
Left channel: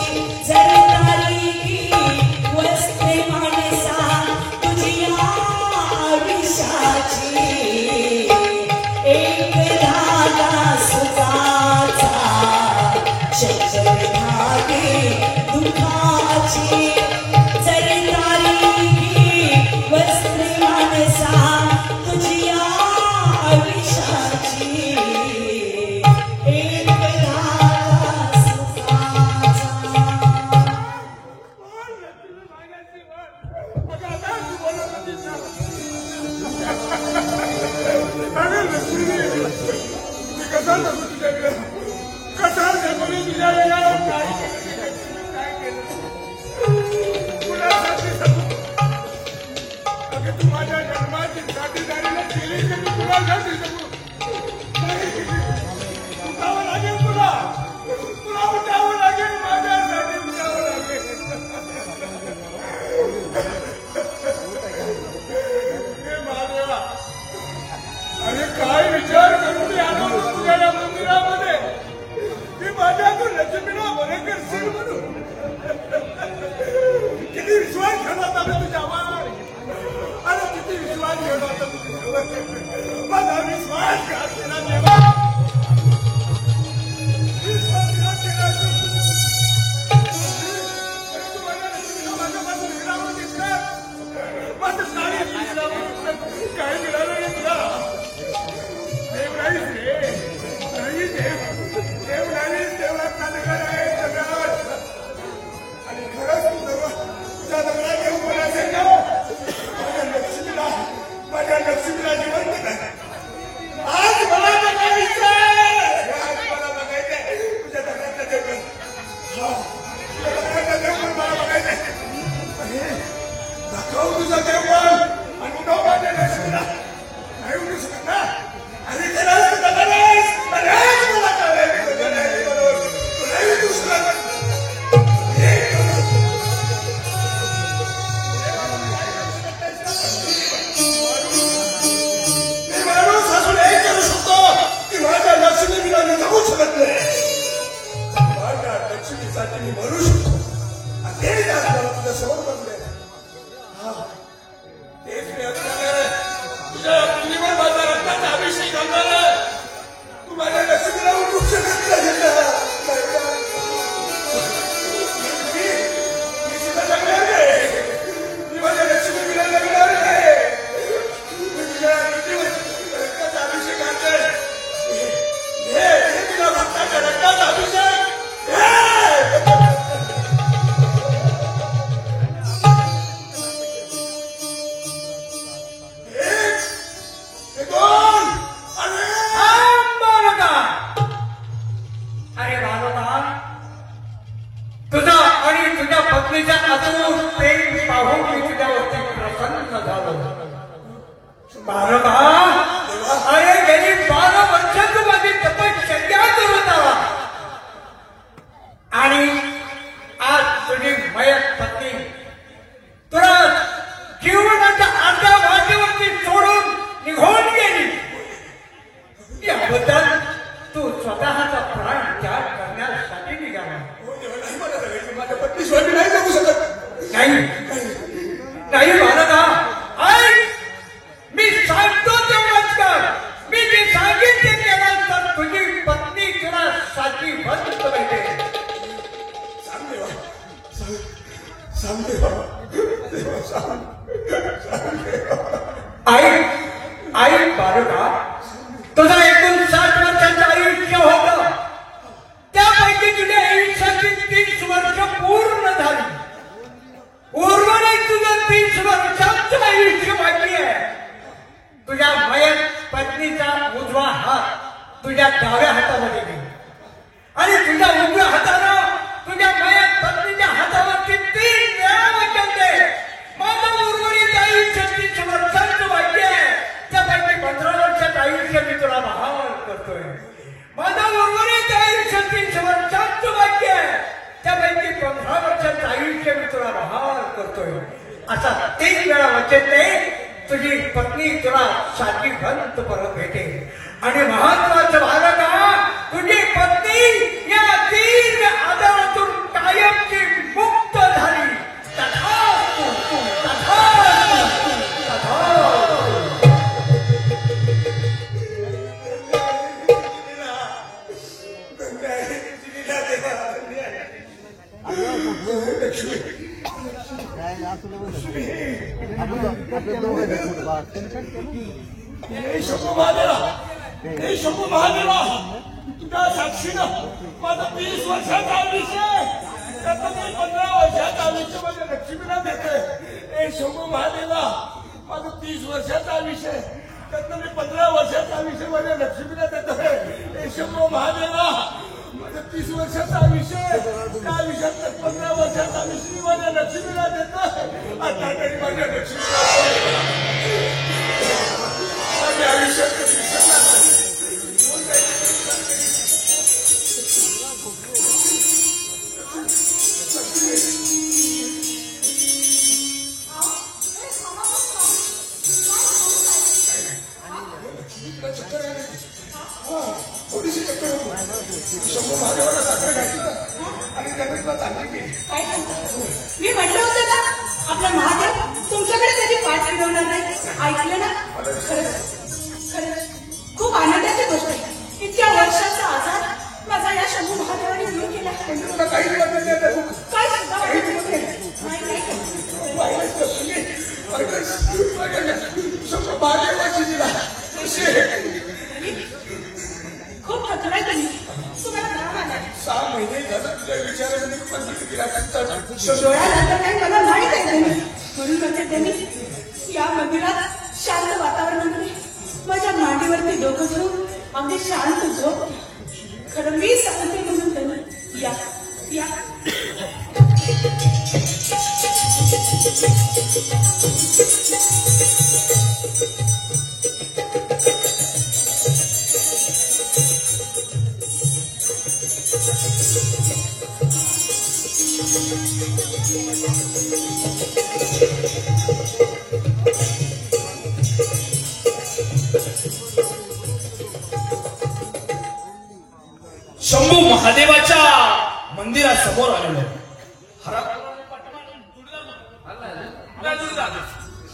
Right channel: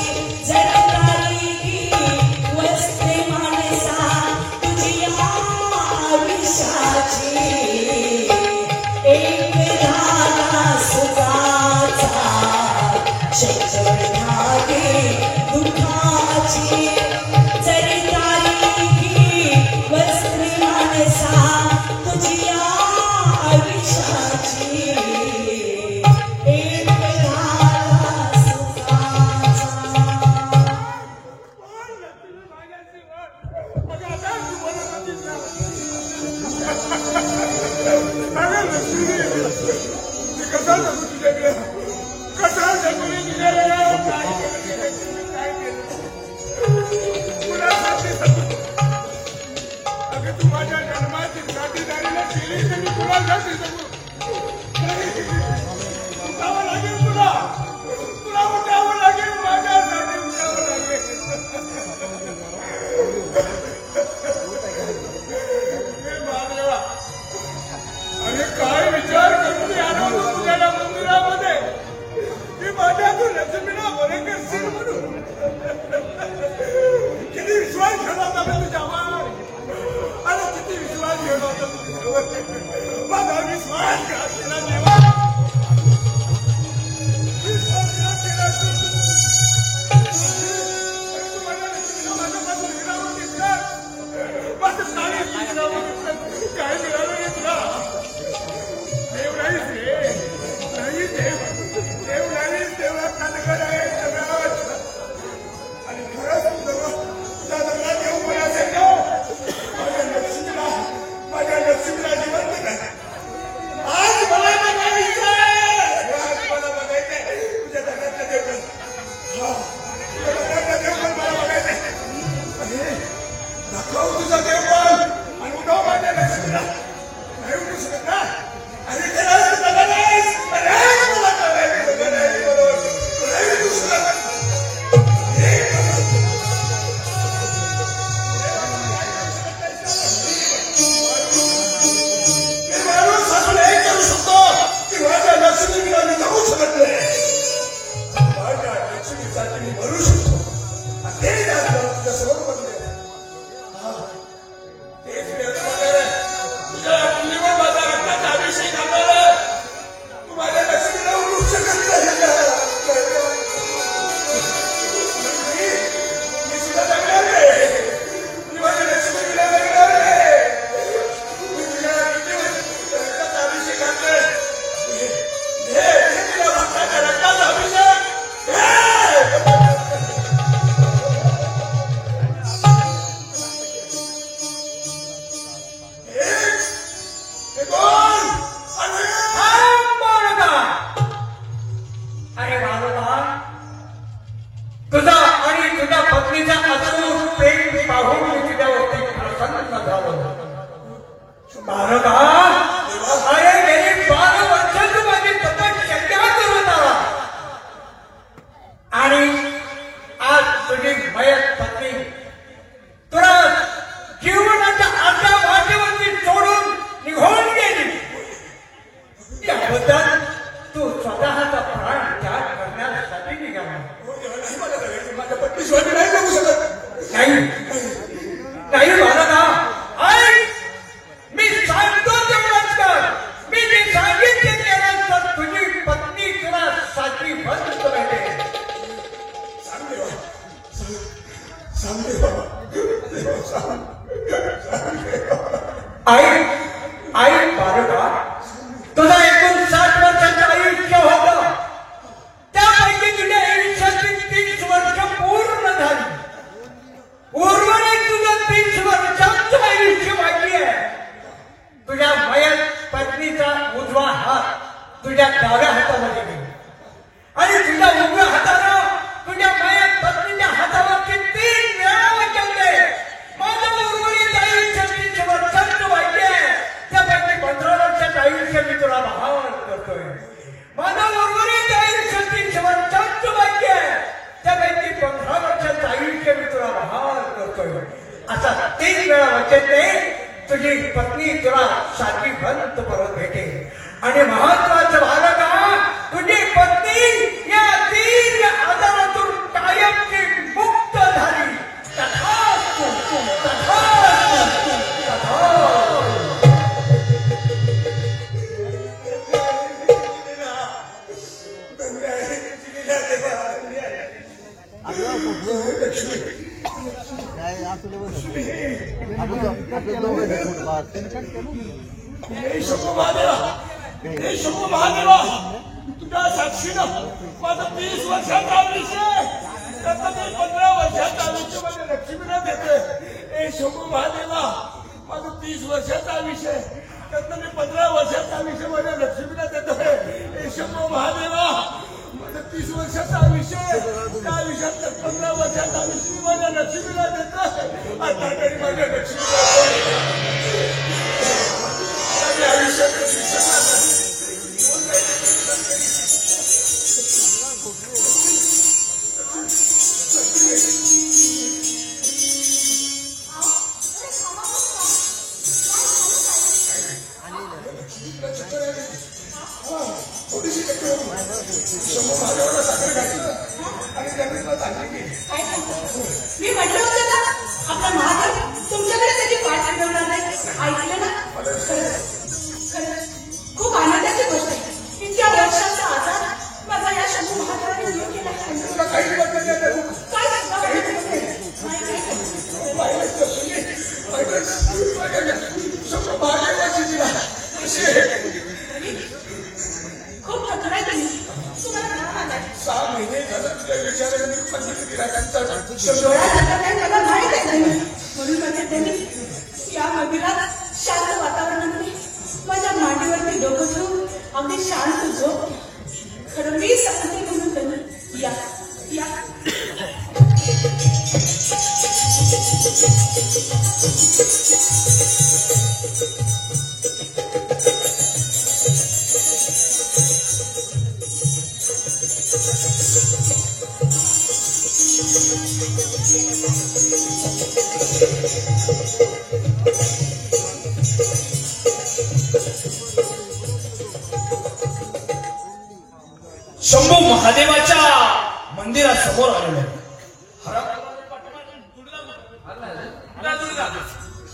जरदारी वस्त्रे माणसा तुझी आयुष्याची एक धागा सुखाचा शंभर धागे दुःखाची जरदारी वस्त्रे माणसा तुझी आयुष्याची एक धागा सुखाचा कसा सांगू तुझ्याकडे कसा सांगू मी तुझ्याकडे काय केलं कुणासाठी सांगू अगं तू माझ्या जन्माची साथीदारीला केली तरी कुणासाठी सांगू उठावं लागेल तुला तुला उठावं लागेल माझ्यासाठी उठावं लागेल हे महादेवा अरे काय विचार करून मी आलो होतो तुझ्या या मंदिरामध्ये की माझ्या तू लक्ष्मीला बरं करशील म्हणून किती विश्वास ठेवला होता मी तुझ्यावर अरे किती विश्वास ठेवला होता तुझ्यावर माझा विश्वास घात केला देवा विश्वासघात केला तू माझ्या लक्ष्मीला माझ्यापासून हिरावून घेतलं माझं साडी हिरावून घेतलं काय मिळालं नाही तुला देव नाहीच रे नाही देव नाहीच देवळात नाटकं आहे जगात आणि खरंच तुझ्या जगात देव कोण असेल ना माझ्या लक्ष्मीला जिवंत नाही आज मला बघायचं तुझ्या जगातलं देव तुझ्या जगातलं देव पण मला बघायचंय दाखव तुझा देव पण आणि उठव माझ्या लक्ष्मीला नाही उठू शकत ना आणि ते नाही पूर्ण झाली. उर्वरित तुझं 30 वर्ष तुझी पत्नी तुला सारखी भंत परत भेटे आणि महत्वाचं झालं का तुझी पत्नी या दीर्घ आजारातून कायमची मुक्त झाली. तथास्तु, तथास्तु, तथास्तु. हे शंभू महादेवा तुझ्या साक्षीनं माझं 30 वर्षाचा आयुष्य त्यातलं मी 15 वर्षाचं आयुष्य माझ्या लक्ष्मीला देते. हे शंभू महादेवा माझं 30 वर्षाचं आयुष्य त्यातलं मी 15 वर्षाचं आयुष्य माझ्या लक्ष्मीला देतोय. हे शंभू महादेवा माझं 30 वर्षाचं आयुष्य त्या आयुष्यात 15 वर्षाचं आयुष्य मी माझ्या लक्ष्मीला देतोय. आता तरी माझ्या लक्ष्मीला मी म्हटलं होतं ना आपला महादेव तुमच्याकडे कधी पाठ फिरवणार नाही. ऐकलं ना खूप आनंदाची गोष्ट आहे. इतक्या वर्षाचा आजार माझा या शंभू महादेवाने दूर केला. खूप हटवाय तुम्ही तुम्हाला 6 महिने या नदीला शांत वातावरणामध्ये माझ्या मांडीवरती डोकं घेऊन अगदी शांत झोप. खरं मी सांगते म्हणून त्यांनी या शंभू महादेवाच्या मंदिरासमोर आलेलो आहे.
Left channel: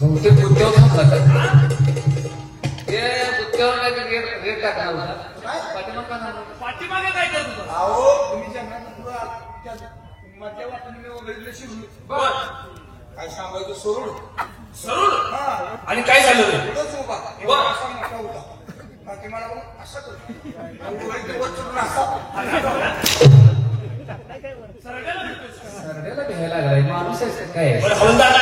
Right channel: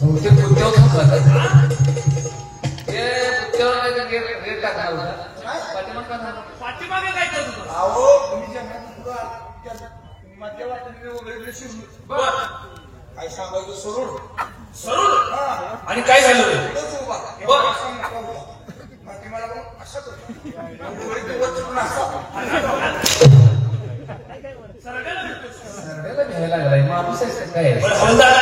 बहुतेक उद्योग करतात. ते उद्योगाला गेट टाकला होता. पाठीमागे काय करत होता? अहो तुम्ही मध्यवर्ती वगैरे शिवली काय सांगायचं सरूर आणि काय झालं ते? असा मोठा होता पाठीमाला असा बरं, हवलदार,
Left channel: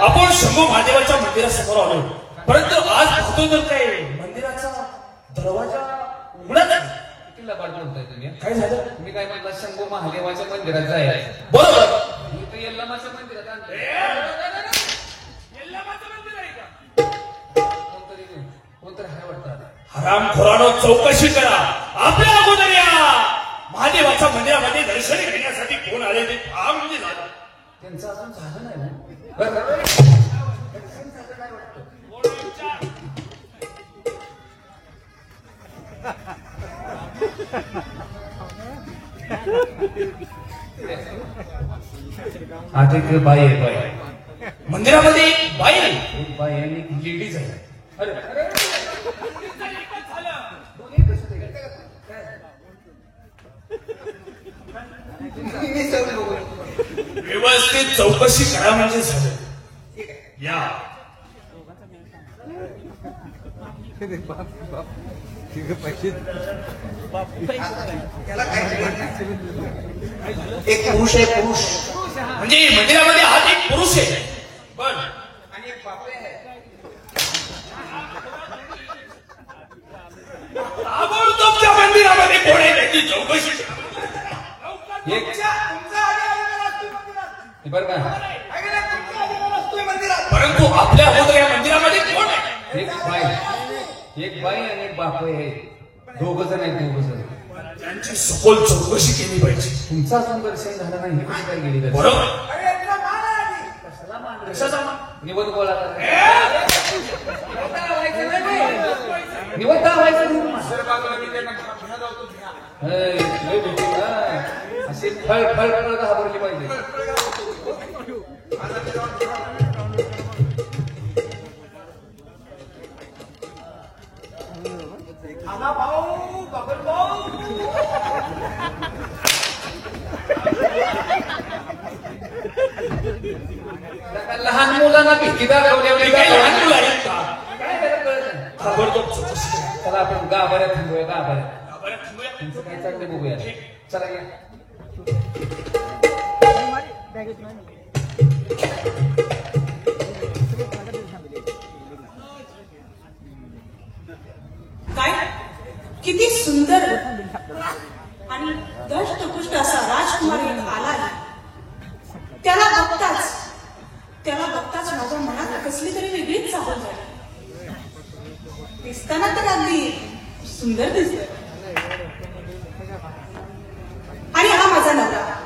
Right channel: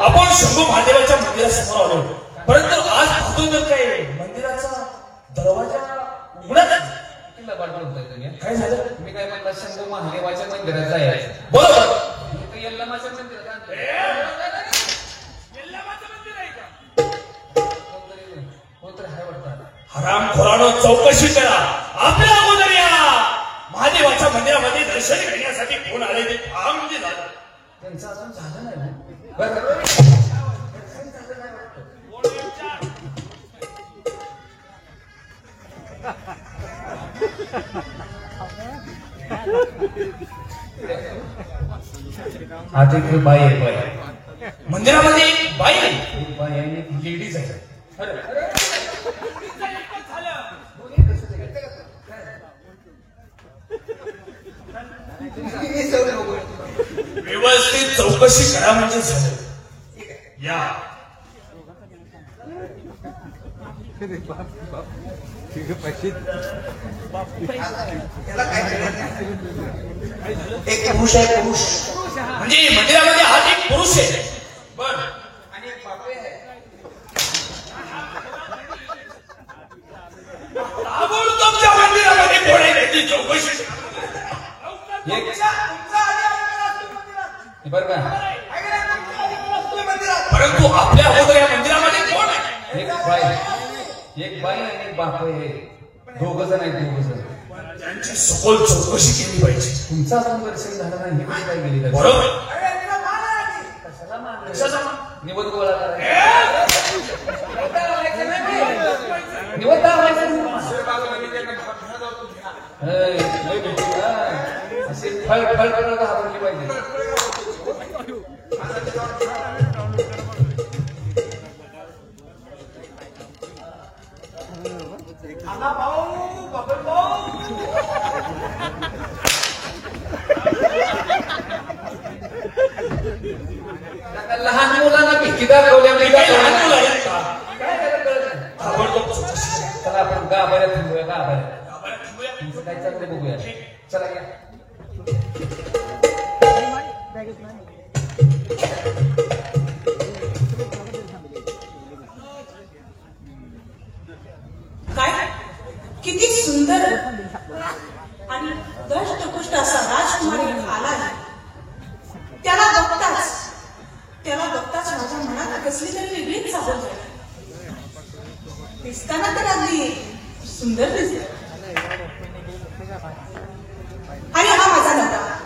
आपण शंभू महादेवाच्या मंदिरासमोर आलो, परंतु आज पाहतोय तर काय मंदिराचा दरवाजा उघडा नाही. किल्ला पाडलं होतं तुम्ही. काय झालं? मी काय म्हणलं शंभू महादेवाच्या मंदिरात जायचं. बरोबर. इथं यल्लमाचं मंदिर आहे. कोणतरी हाय वाटतं. हरामखोरानो चौकशी करा. आपल्या अगोदर या महादेवाच्या मंदिरामध्ये दर्शन घेण्यासाठी कोण आले ते फार म्हणजे झालं. त्यांचं अजून झालं नाही. बरं. आता इकडे बाई आहे. मंदिरामध्ये एक बाई आहे. बाई आणि लेडीज आहे. व्यवस्थित चौकशी करा म्हणजे झालं. या त्याला काय एक पुरुष आहे पुरुष म्हणजे मंदिरामध्ये हा एक पुरुष आहे. बर. आणि एक बापरे आहे. ताबडतोब त्या मंदिरामध्ये कोण आहे त्याची चौकशी करा. बरं का परंतु आपल्या अगोदर या मंदिरामध्ये कोण आहे? एक बाई आणि एक बाप आहे. दोघं जण आहेत. दोघं जण त्यांची सखोल चौकशी केली पाहिजे. तुमचा अजून दर्शन झालं नाही. ही कशी काय गेली? बरोबर. निबंध गोळा करा. लय भेटली ना. अशी खळ खळ करत हातली पाहिजे. खाना भाऊ बबल भाऊ लहान मुलांना भीती दाखवल्या काही लहान मुलं आहेत का? चला आपण गाभाऱ्यात थांबूया गाभाऱ्यात. बरं, थांबूया. तुमचं काय चाललंय बघूया. चला या. काय किती सुंदर आणि दष्टपुष्ट असा राजकुमार इथे आला आहे. त्याला बघताच माझ्या मनात कसली तरी वेगळीच चालत झाली. दिसताना तर अगदी सुंदर दिसत. आणि हा माझा नवरा.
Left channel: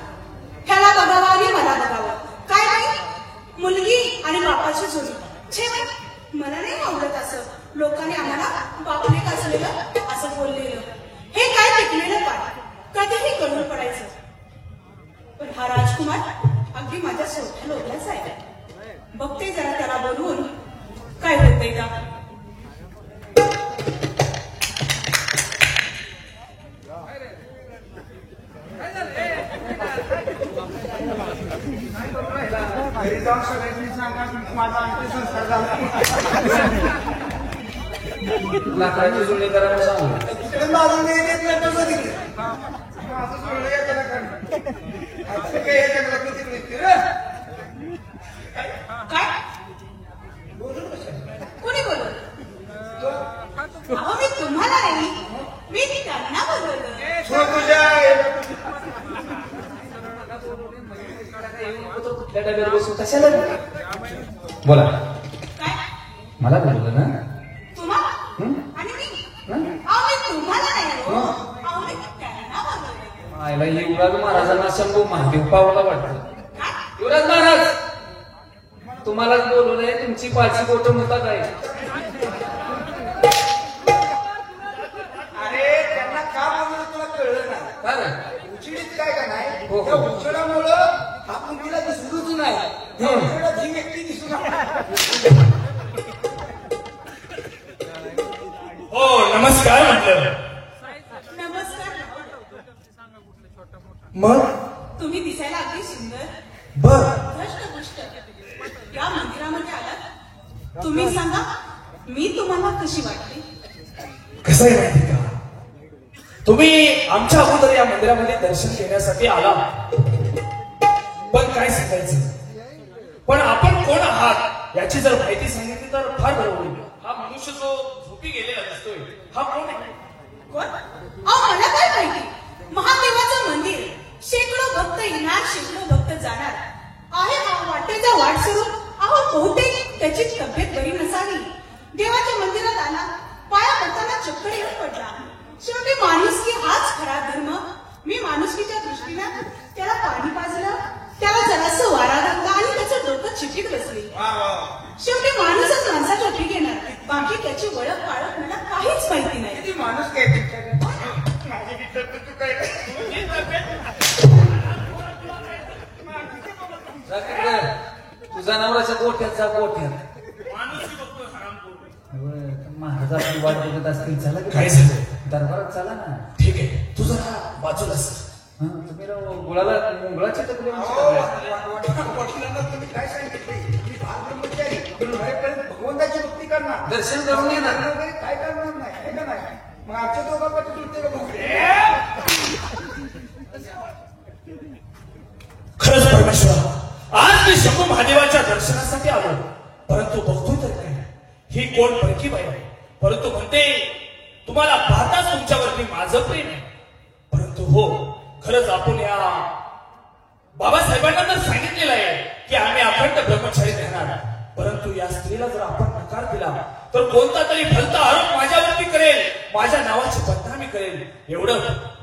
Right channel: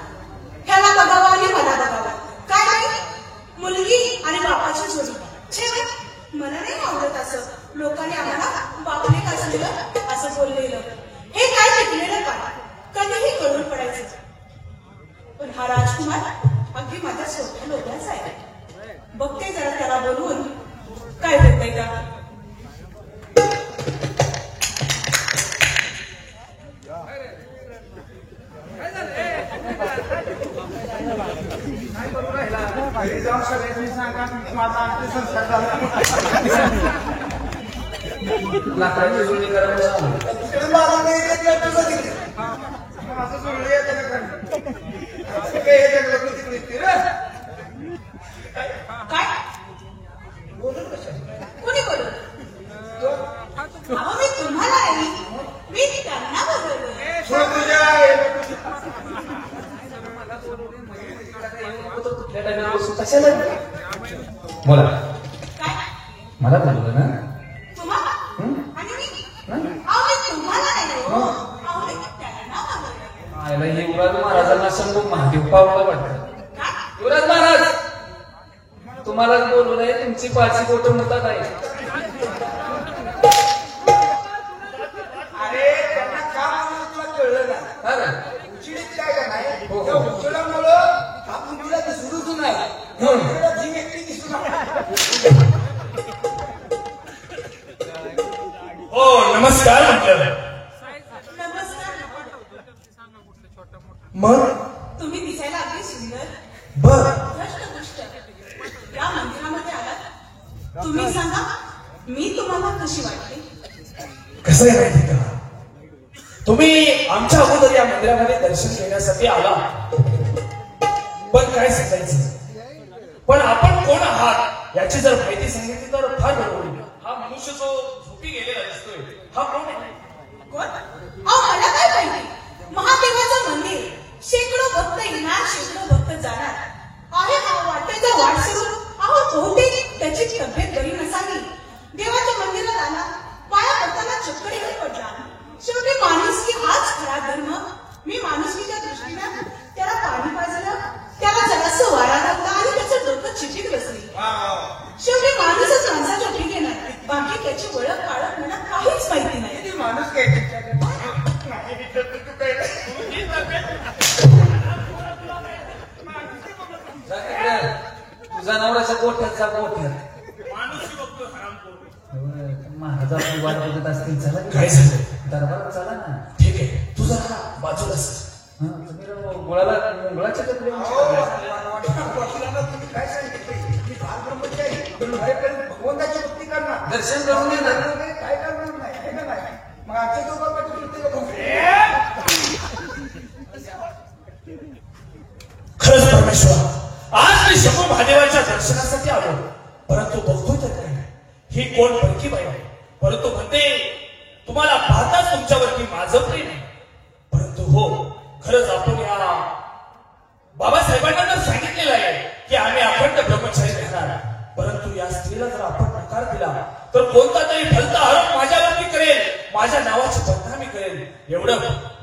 ह्याला बघावा आणि मला बघावा. काय नाही मुलगी आणि बापाची जोडी. छे, मला नाही आवडत असं लोकांनी आम्हाला बापले कसलेलं असं बोललेलं. हे काय टिकलेलं का कधीही कळून पडायचं. पण हा राजकुमार अगदी माझ्या सोबत लोकांचा आहे. बघते जरा त्याला बोलवून काय होतंय का. लाकडाची जुळणी करायला सांगू. काय कोणी बोलवलं. अहो मी तुम्हाला नाही मी त्यांना बोलवलं. बोला. काय मला बोललो ना. तुम्हाला आणि मी अहो मी तुम्हाला नाही हो. अहो मी त्यांना बोलवलं. आयला युवराज महाराजांना सांगू महादेव पावला वाटतं. काय युवराज महाराज तुम्हालाच बोलवलंय. तुमची पाचशे बोट म्हणतात आहे. अरे त्यांना का बोलणार तुला कळलं ना. हा ना. उचिडीत काय का नाही. हो, हो. त्या उचिडामुळं आपण तिला दिसलोच नाही. त्या उचिडात जी व्यक्ती दिसू नका. हो नमस्कार म्हटलं. नमस्कार. मग तुम्ही दिसायला अगदी सुंदर बर दष्टपुष्ट या मंदिरामध्ये आलात. तुम्ही सांगा मी तुम्हाला कशी वाटते. कसं आहे माहिती का, तुम्ही आमच्या अगोदर या मंदिरामध्ये दर्शन घेण्यासाठी आला. पण काय सांगायचं, पण आपण कोण आहात याची जर माहिती सांगितली तर फार बरं होईल. हा मनुष्य जो झोपी गेलेला दिसतोय हा कोण आहे? कोण? अहो मला काय माहिती. महादेवाचं मंदिर शेकडो भक्त येणार शेकडो भक्त जाणार आहे. वाटेचा वाट सोडून अहो बहुतेक त्याची तब्येत बरी नसावी. देवाच्या मंदिरात आला पाया पडताना चक्करही पडला. शेवटी माणुसकी हाच खरा धर्म. मी माणुसकीच्या दृष्टीनं त्याला पाणी पाजलं, त्याला जरासं वारा लागला आणि त्याचं डोकं चिटीत बसली. शेवटी माणूसच माणसाच्या ठीक येणार. बाकी त्याची ओळख पाळख मला काहीच माहिती नाही. ती माणूस काय तुझा नवऱ्याचा गोठ्याचा गोठ्या माणूस बघतोय हरामखोर. महाराजा वाट बघत असतील. चला काय सांगायचं? दरबारात चला ना. ठीक आहे तुझा का वाचून तुम्ही गुळाला गुळाच्या कपडे तुम्ही काय सांगितलं. मी फार ब्रह्मचारी आहे. मी बाहेरपर्यंत भगवंताची भक्ती करणार. दर्शन करून येणार. काय करणार नाही. आहे का नाही? मग आजच्या दोघं खरंच परमेश्वर, आज मी शंभू महादेवाच्या दर्शनासाठी आलो. परंतु बघतो तर काय ही कोण परकी बाई आहे. परंतु म्हणते तुम्हाला पाहताच तुमच्यावरती माझं प्रेम आहे. परंतु हो खरंच आपण या बाबासाहेबांना तर सांगितलेलं आहे की आम्ही अखंड ब्रह्मचारी राहणार. परंतु या स्त्रीला जर आपण नकार दिला तर कोणता तरी भलता आरोप माझ्यावरती करेल, माझ्या नावाची बदनामी करेल. एवढं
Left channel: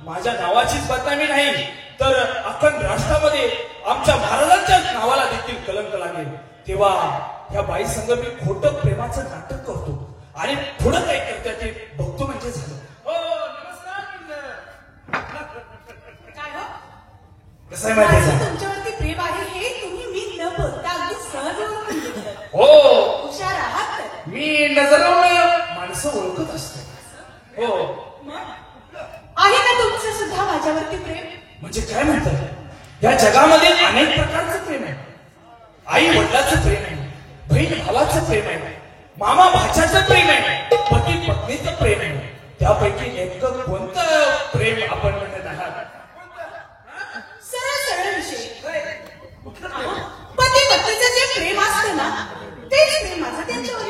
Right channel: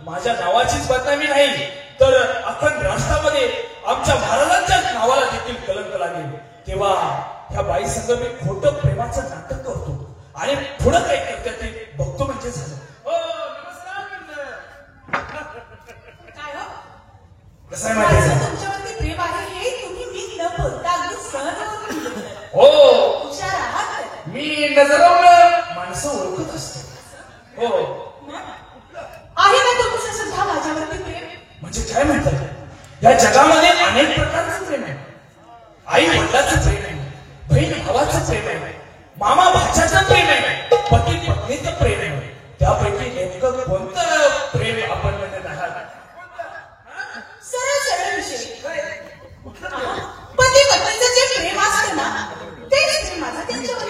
माझ्या नावाचीच बदनामी नाही तर अखंड राष्ट्रामध्ये आमच्या महाराजांच्या नावाला देखील कलंक लागेल. तेव्हा ह्या बाई संग मी खोटं प्रेमाचं नाटक करतो आणि पुढं काय करते ते बघतो म्हणजे झालं. हो नमस्कार म्हणलं. कसं आहे माहिती आहे माझं का? तुमच्यावरती प्रेम आहे हे तुम्ही मी न बोलता अगदी सहज ओळखून घेतलं. हो, हुशार आहात तर. मी नजरावर माणसं ओळखत असतो. हो, आहे ना तुमचं सुद्धा माझ्यावरती प्रेम? म्हणजे काय म्हणतात, या जगामध्ये अनेक प्रकारचं प्रेम आहे. आई वडिलाचं प्रेम आहे, बहीण भावाचं प्रेम आहे, मामा भाच्याचं प्रेम आहे, पती पत्नीचं प्रेम आहे. त्यापैकी नेमकं कोणतं प्रेम आपण म्हणत आहात? सरळ सरळ विषय. पती पत्नीचं जे प्रेम असतं ना तेच प्रेम माझं त्यांच्यावर.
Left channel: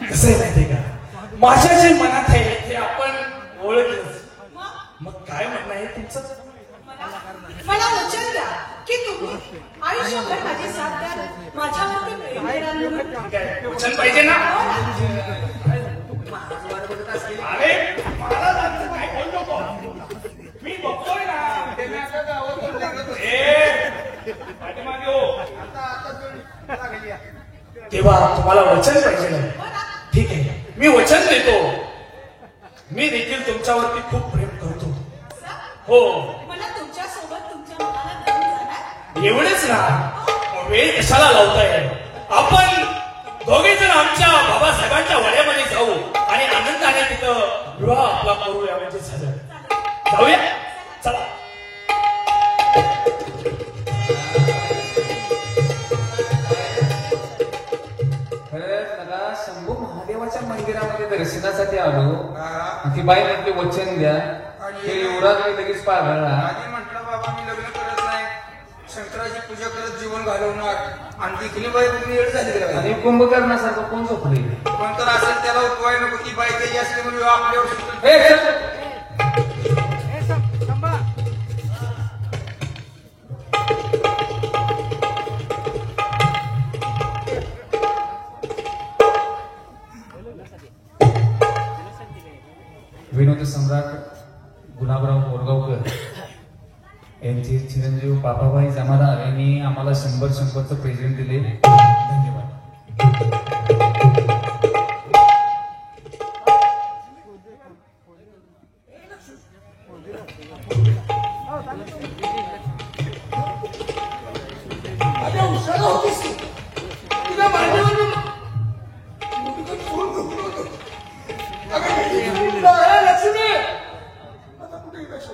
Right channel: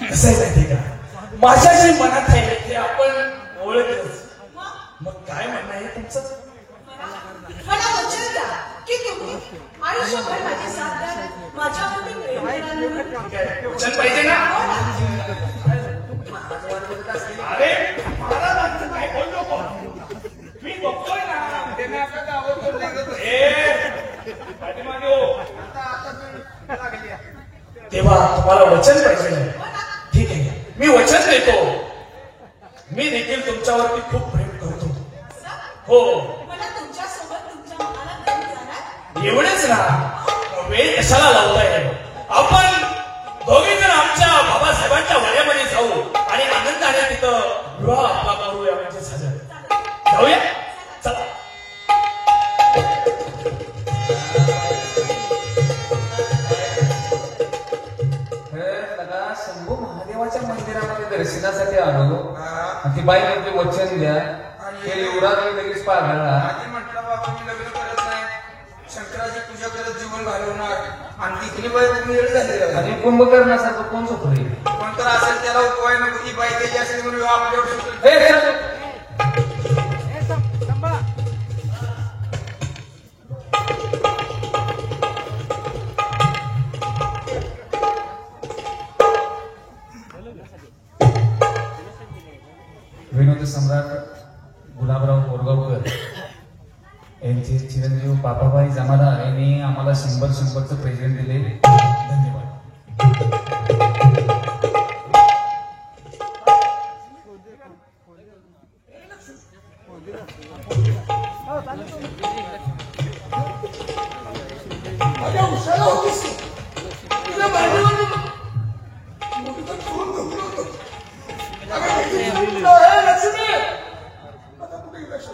कसं आहे माहितीये का, माझ्या जे मनात आहे ते आपण ओळखलं. मग काय म्हणणं आहे तुमचं? मला वचन द्या की तुम्ही आयुष्यभर माझी साथ द्याल, माझ्यावरती प्रेम करणार. वचन पाहिजे ना? अरे मला लागतं काय बोल नको. मी बघतोय ना. त्यांना आता गावातून निघत होते. ए, पाठीमागे हो. आता लागली आहे. तेव्हा तुम्हाला वचन पाहिजे. ठीक आहे, मी वचन देतो. मी देखील तुमच्यावरती खूप प्रेम करतो. हो, मला तुमच्यासोबत तुमच्या मनाला धरून जाणार. एवढेच ना, वेळ कशाला लावताय? आपण दोघे जण आमच्या बाबासाहेबांच्या वड्यामध्ये जाऊ आणि आनंदाने तिथं विवाह आपला करूया. म्हणजे सजा जाऊया, चला. त्याला शंभू महादेवाच्या मंदिरामध्ये दर्शनासाठी आलो. ती बाई म्हणजे वचन द्या ते युवराज लगेच पार घालला. आणि म्हटलं बाबा मी लग्न करत नाही, शंकराची पूजा करत जीवन घालवणार. आणि तिथली बाई खूप वेळ झाली. आणि कुंभकर्णासारखं कोण झोपले? पण तर असेल त्याला उपाय नको, ती बाई त्याची असली म्हणून आपल्यावर शंकर. हे, हे, विनोदी सम्राट गुलाबराव बोरगावकर यांचे चिरंजीव पापाबाई जमादार यांनी आम्हाला 100 प्रेझेंट दिले. धन्यवाद. माझ्या उशाला होतीस तुझ्या मांडीवर लक्ष्मी आता कुठे लक्ष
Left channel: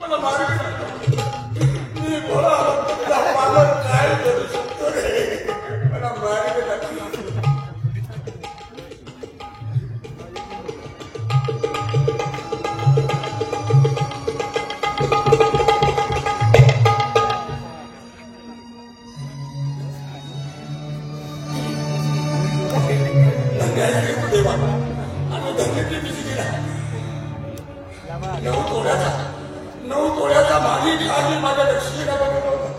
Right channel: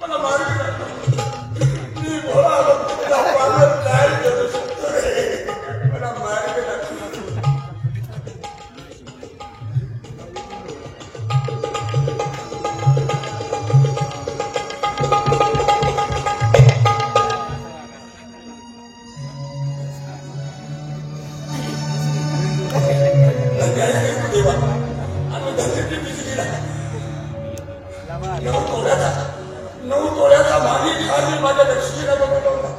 मला माहिती मी बोला मला काय करू शकतो रे मला माहिती नऊ तोळ्याचा भागी आधी माझ्या लक्ष्मीला बघवला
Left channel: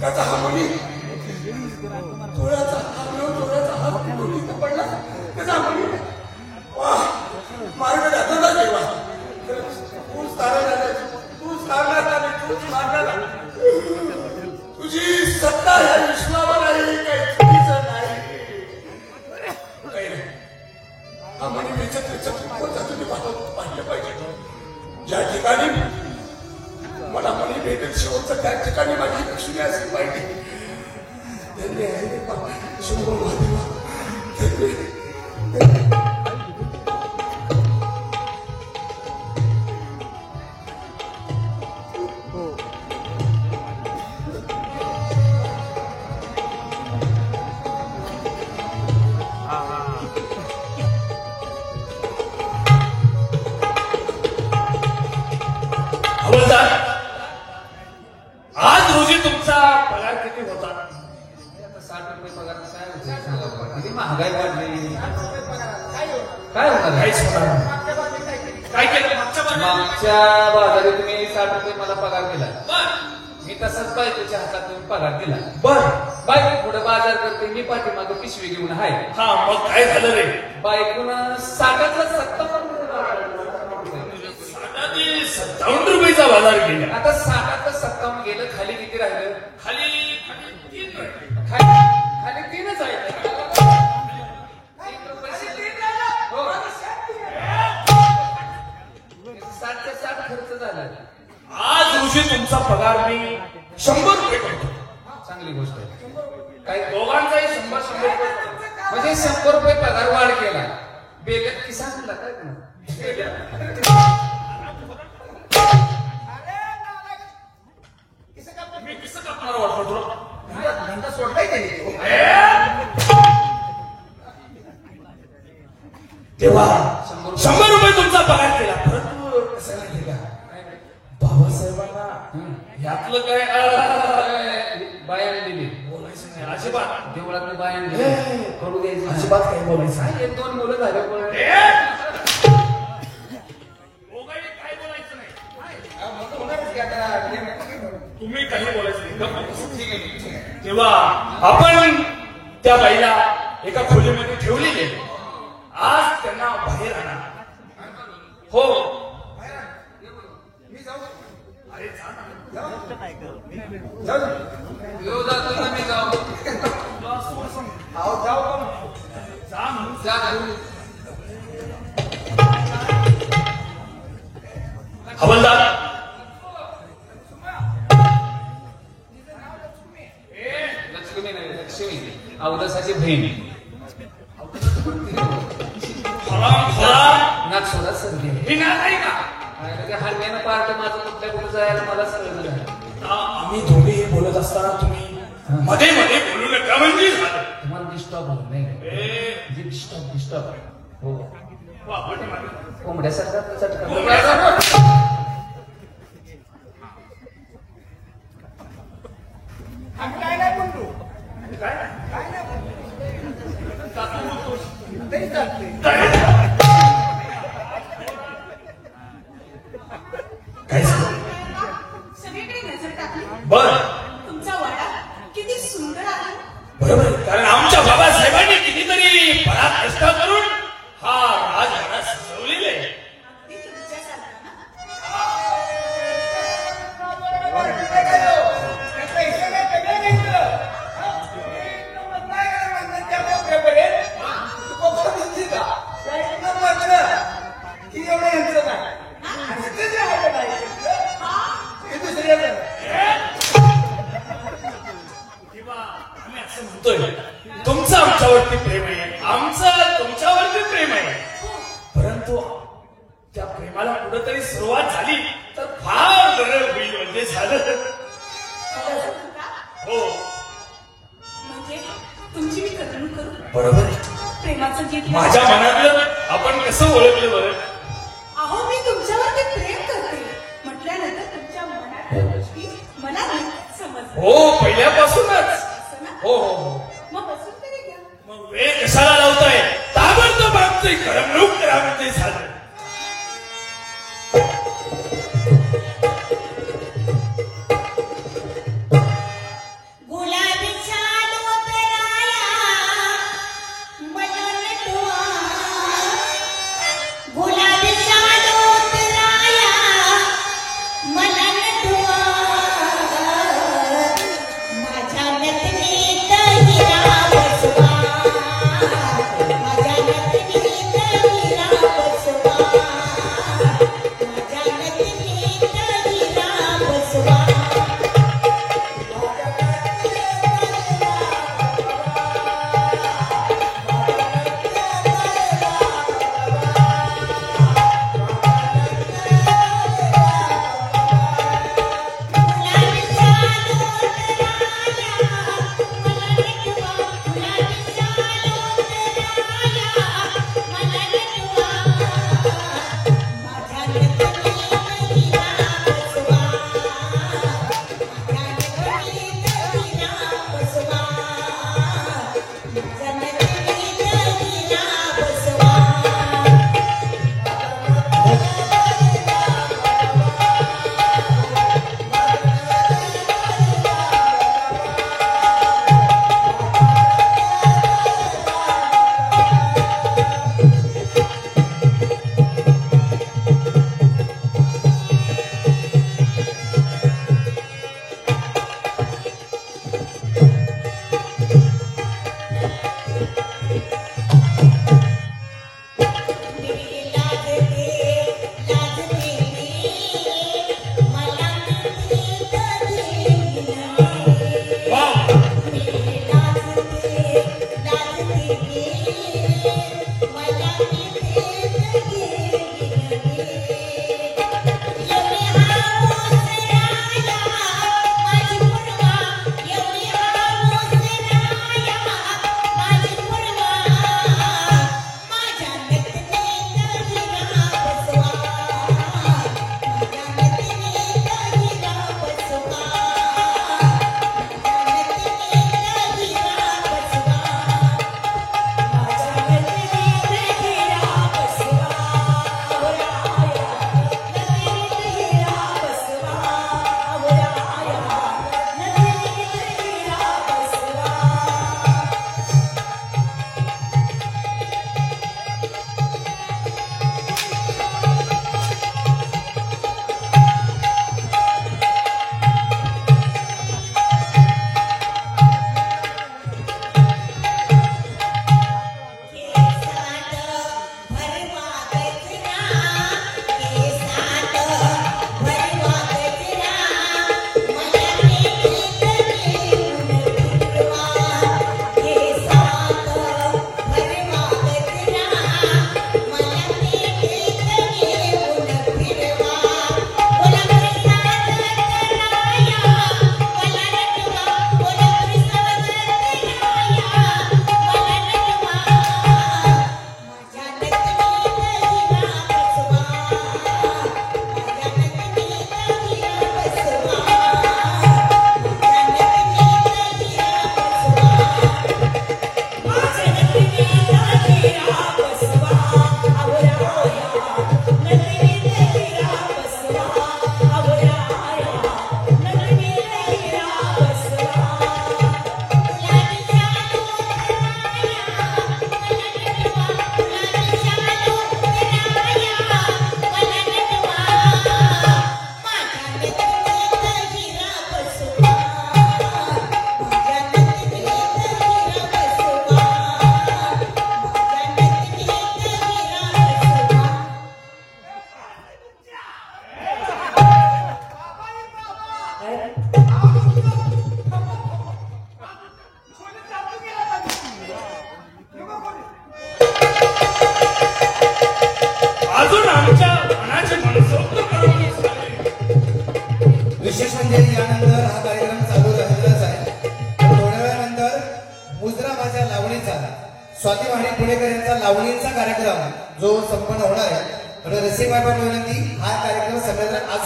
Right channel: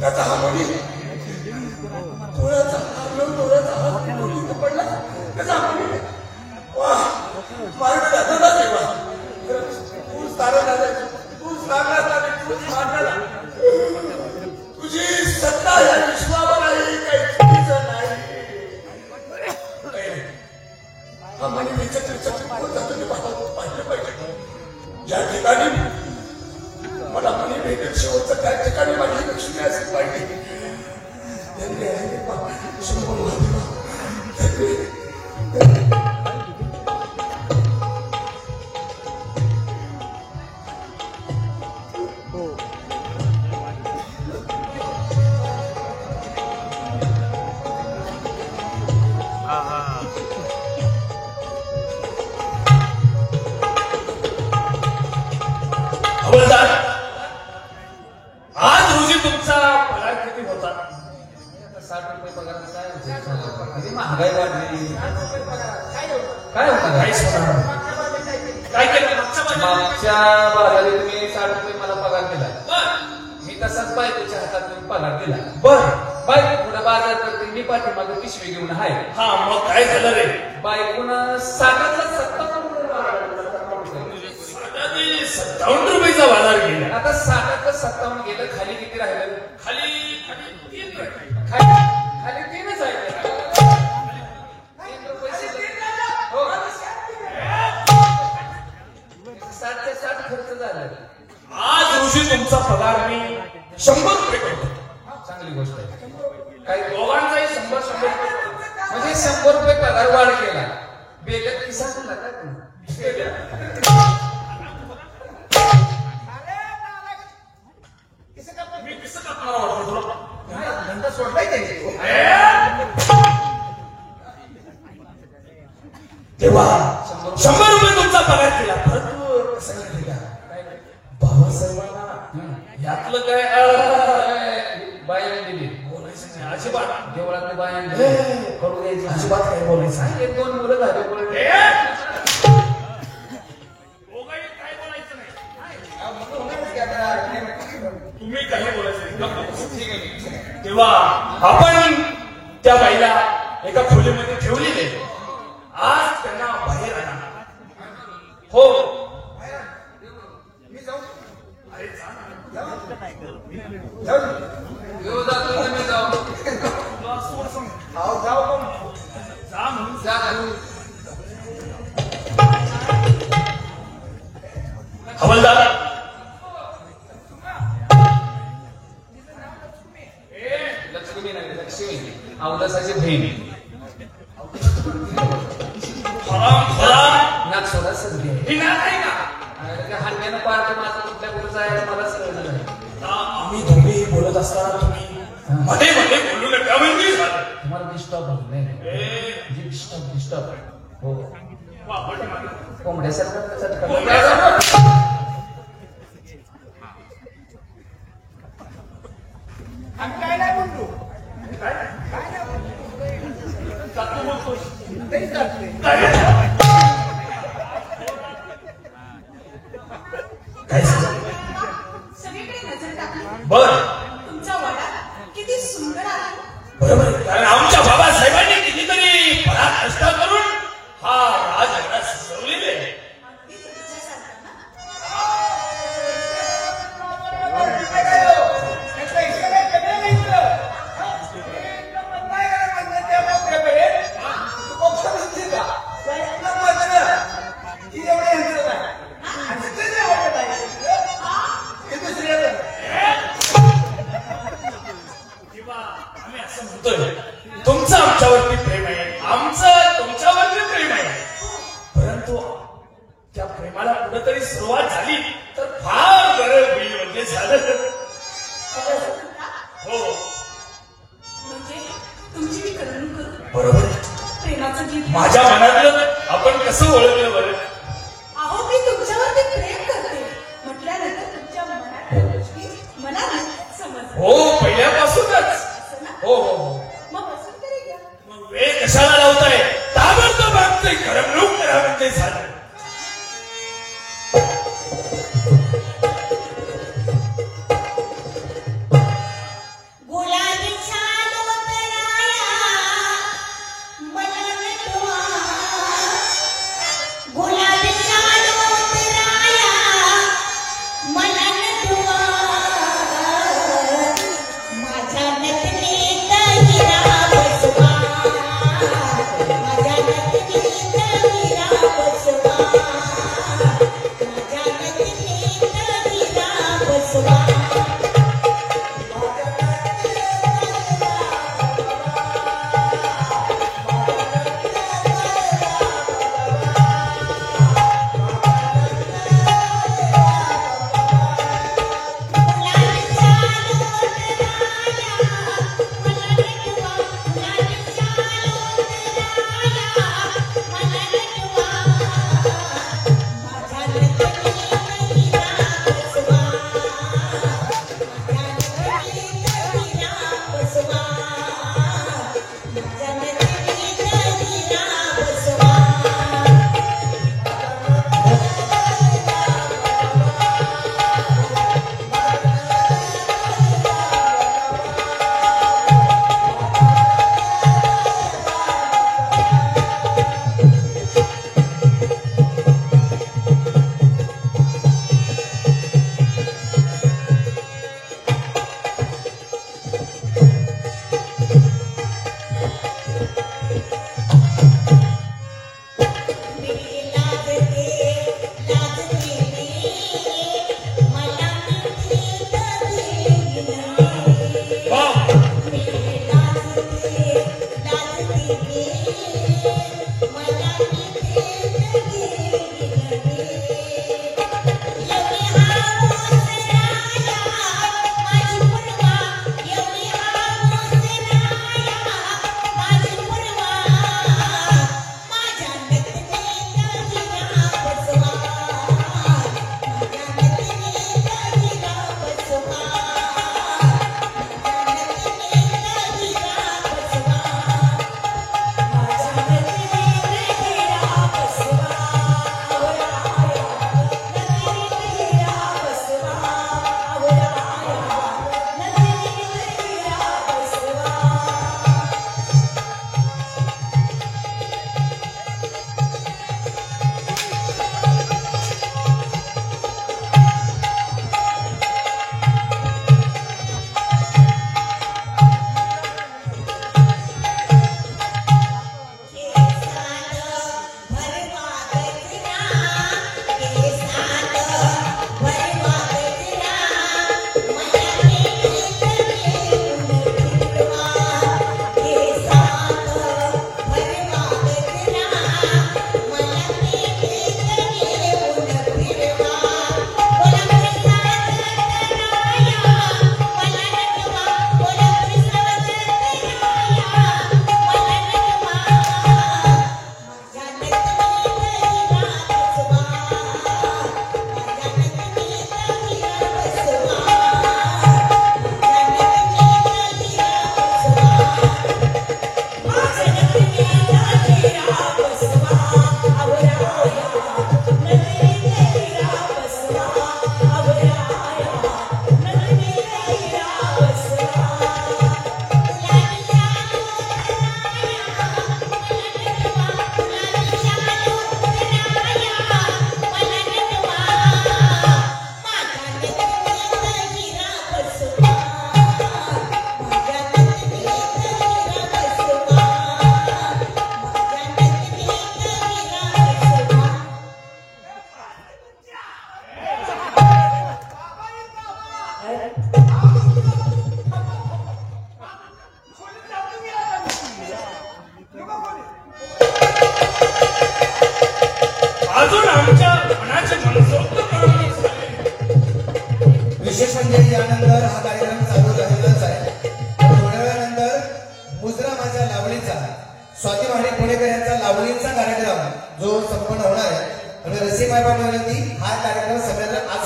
त्याचा हा मुली तोळ्याचा 9 तोळ्याचा पडला त्याचा मुली मार्ग जाताना केला तूच लागला तूच मारला तुझी सत्ता या विश्वावर आहे काही चुकीचं नाही हा म्हणे त्याच्या पाहिजे पाहिजे ज्या ठिकाणी मला मनी भेटेल शेवटचं त्या ठिकाणी माझी लक्ष्मी असली पाहिजे आज रोजी तुमचा पगार किती होता? 60 रुपये पगार किती महागाई वाढली काय होतं काय केलं मागच्या बाजारात मी 60 रुपये मला पगार दिला मी तसाच बायकोच्या हातात पगार दिला बर बायको पुढे बाजार करते मी पाठीमागे पिशवी घेऊन आहे हा मग काय झालं रे? बायकोन 60ला 57 रुपये पगार 57 रुपयेचा बाजार गेला. आता 60ला 57 गेलं खाली किती राहिलं खाली 3 खाली 3च आहे हो. 60 ते 60 खर्च झाला आज रोजी तुमचा पगार मी 100 रुपये करतो. चांगली गोष्ट आहे काय दोघांचाही 100 रुपये म्हणजे 100 रुपये पगार वाढ केला बेगत किसा झाला का तू मी कसं कापणार वाटतो तुला? सोडलाय त्यांनी तेव्हा 100 रुपये तुमचा पगार केला परंतु कसं केला बाबासाहेबांना यातलं काय बायाने दिली बोलायचं नाही अजिबात देवळाकडे बायाने दिली कडू द्यायची अजिबात काही बोलायचं नाही. 1-2 मुलं झाले पण दोघांनी काय बोलायचं नाही. म्हणूनच की आता तुम्ही काही बोलायचं नाही. तेव्हा आपण त्या बाईला एका खोलीमध्ये ठेवलेले आज त्यांना बाहेर आणा. हो मी जाऊ अरे जा ना. घेऊ जातो मी जाऊ तुला असं सांग. जाऊ जा म्हणून जा घेऊन हवालदार लक्ष्मी नाही लक्ष्मी औरसाची बहिणी नाक सोडा संधी ही नाही का हलव्यानं पार्ट माझं तुमच्याकडे जायला मला सगळं झालं आम्ही दोघे बोलत असताना तुम्ही मध्ये मध्ये बोलू नका म्हणजे झालं. तुम्हाला डिस्टर्ब होत नाही डिस्टर्ब हो वा, पाठीमागे. कोंबड्यासारखा चटका कोंबड्यासारखं. आम्ही काय नाही बोलतो काय? काय नाही बोलतो जातो बोलतोस. तरी चालते काय झालं? सगळीकडे नजर टाकली बर तुमचा वाडा किती सुंदर आहे. बरोबर कारण आमच्या बाबासाहेबांनी कितीतरी कष्ट करून हा राजवाडा सजवलेला आहे. अगदी तुमच्यासारखा ना. तेव्हा आम्ही असं म्हणतोय तुमचं आमच्यावरती प्रेम आहे आमचं तुमच्यावरती प्रेम आहे परंतु त्या प्रेमाला कुठंतरी सुरुवात झाली तर फार गरज होईल म्हणजे झालं. हो म्हणजे तुमची मी करमणूक करू बरोबर. प्रेमाचं गीत माझ्या मनातलं आपण कसं ओळखलं बरं? अहो मी तुमच्यावरती प्रेम करते म्हटल्यानंतर तुमच्या मनात समजलं. हो पहिल्यापासूनच. हो हो. मग पसंत तरी घ्या. मग वेळ कशाला लावताय? ताबडतोब आमची करमणूक करा म्हणजे झालं. गुलाबीचा डोकराया बनवून ठेवा. गुलाबीचा डोकराया बनवून ठेवा. माझ्या नटनीत हिरा बसवा. माझ्या नटनीत हिरा बसवा. माझ्या नटनीत हिरा बसवा.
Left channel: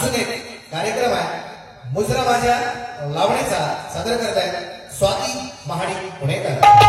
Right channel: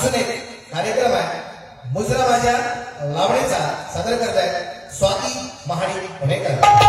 अजून एक कार्यक्रम आहे मुजरा माझ्या लावणीचा सादर करत आहेत स्वाती महाडिक पुणेकर.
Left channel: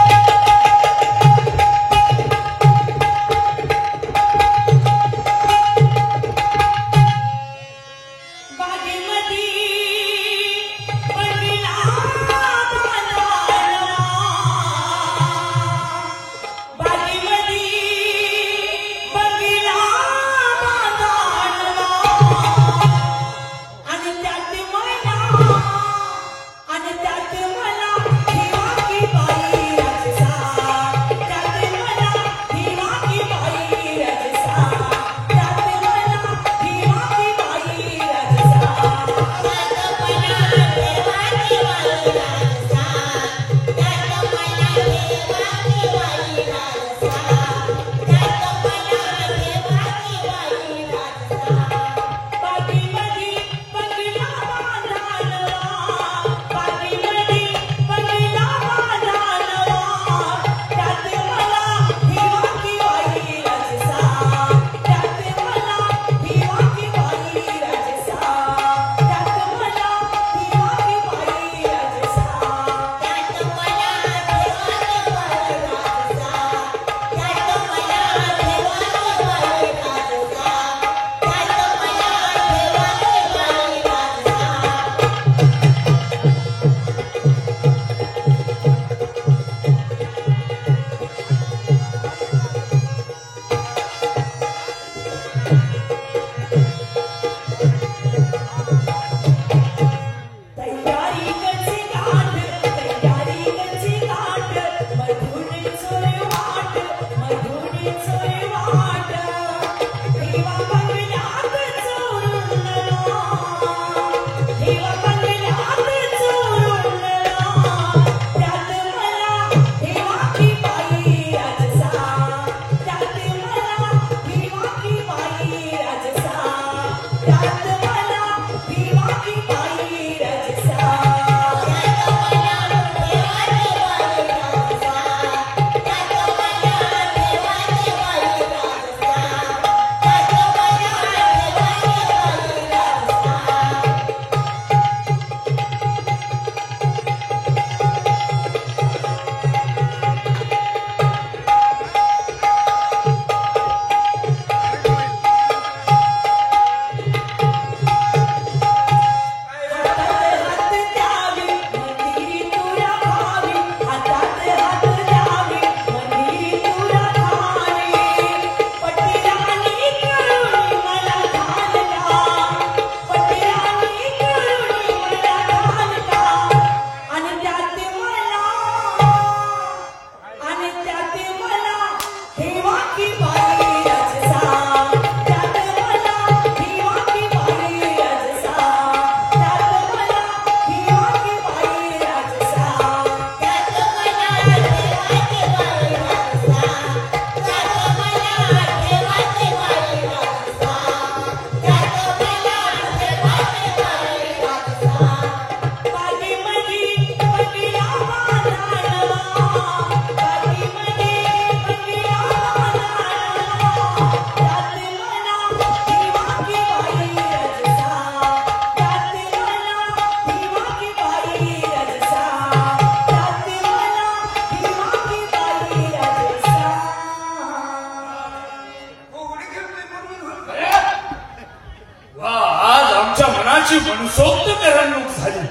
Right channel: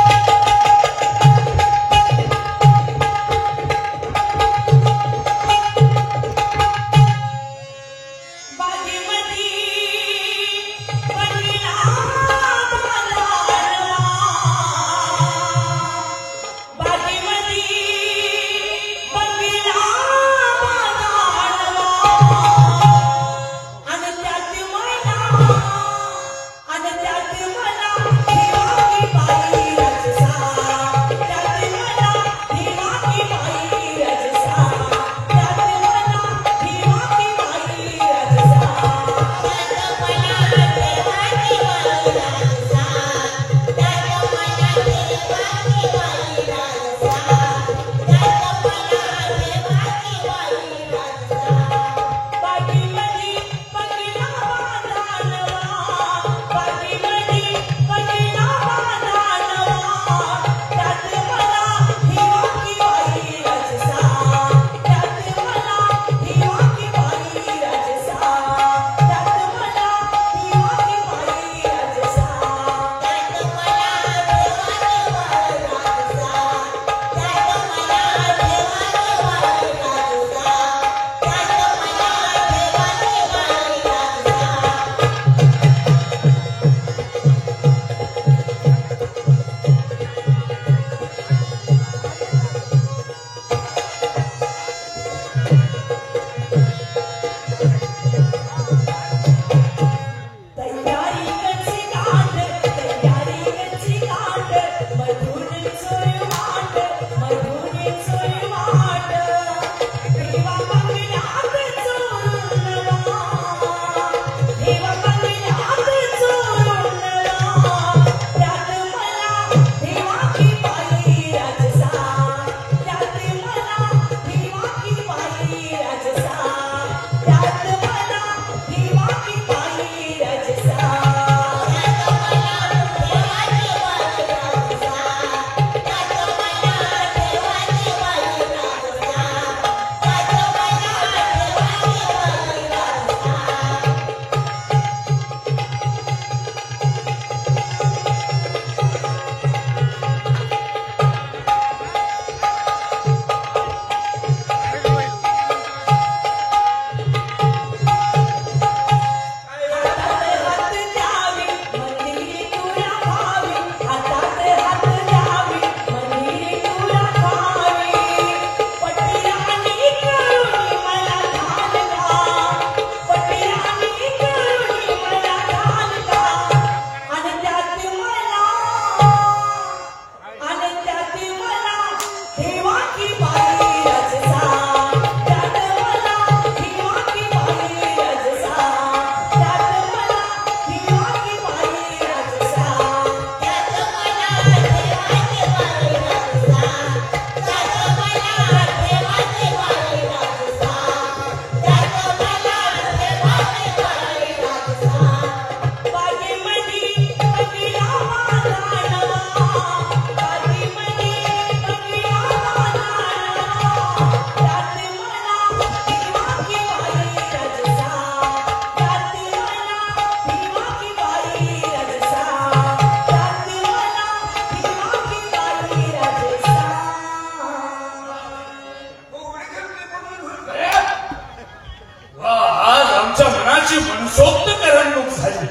मनसोक्त करमणूक झाली.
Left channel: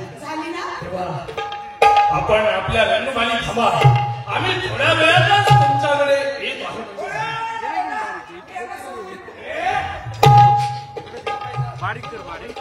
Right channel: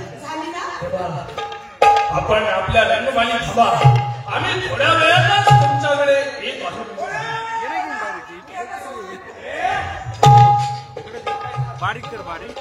आपण आपल्या रणवाणी ठेवा. आम्ही थोड्या वेळातच तुमच्याकडे येत आहोत. बारीक कर बारीक.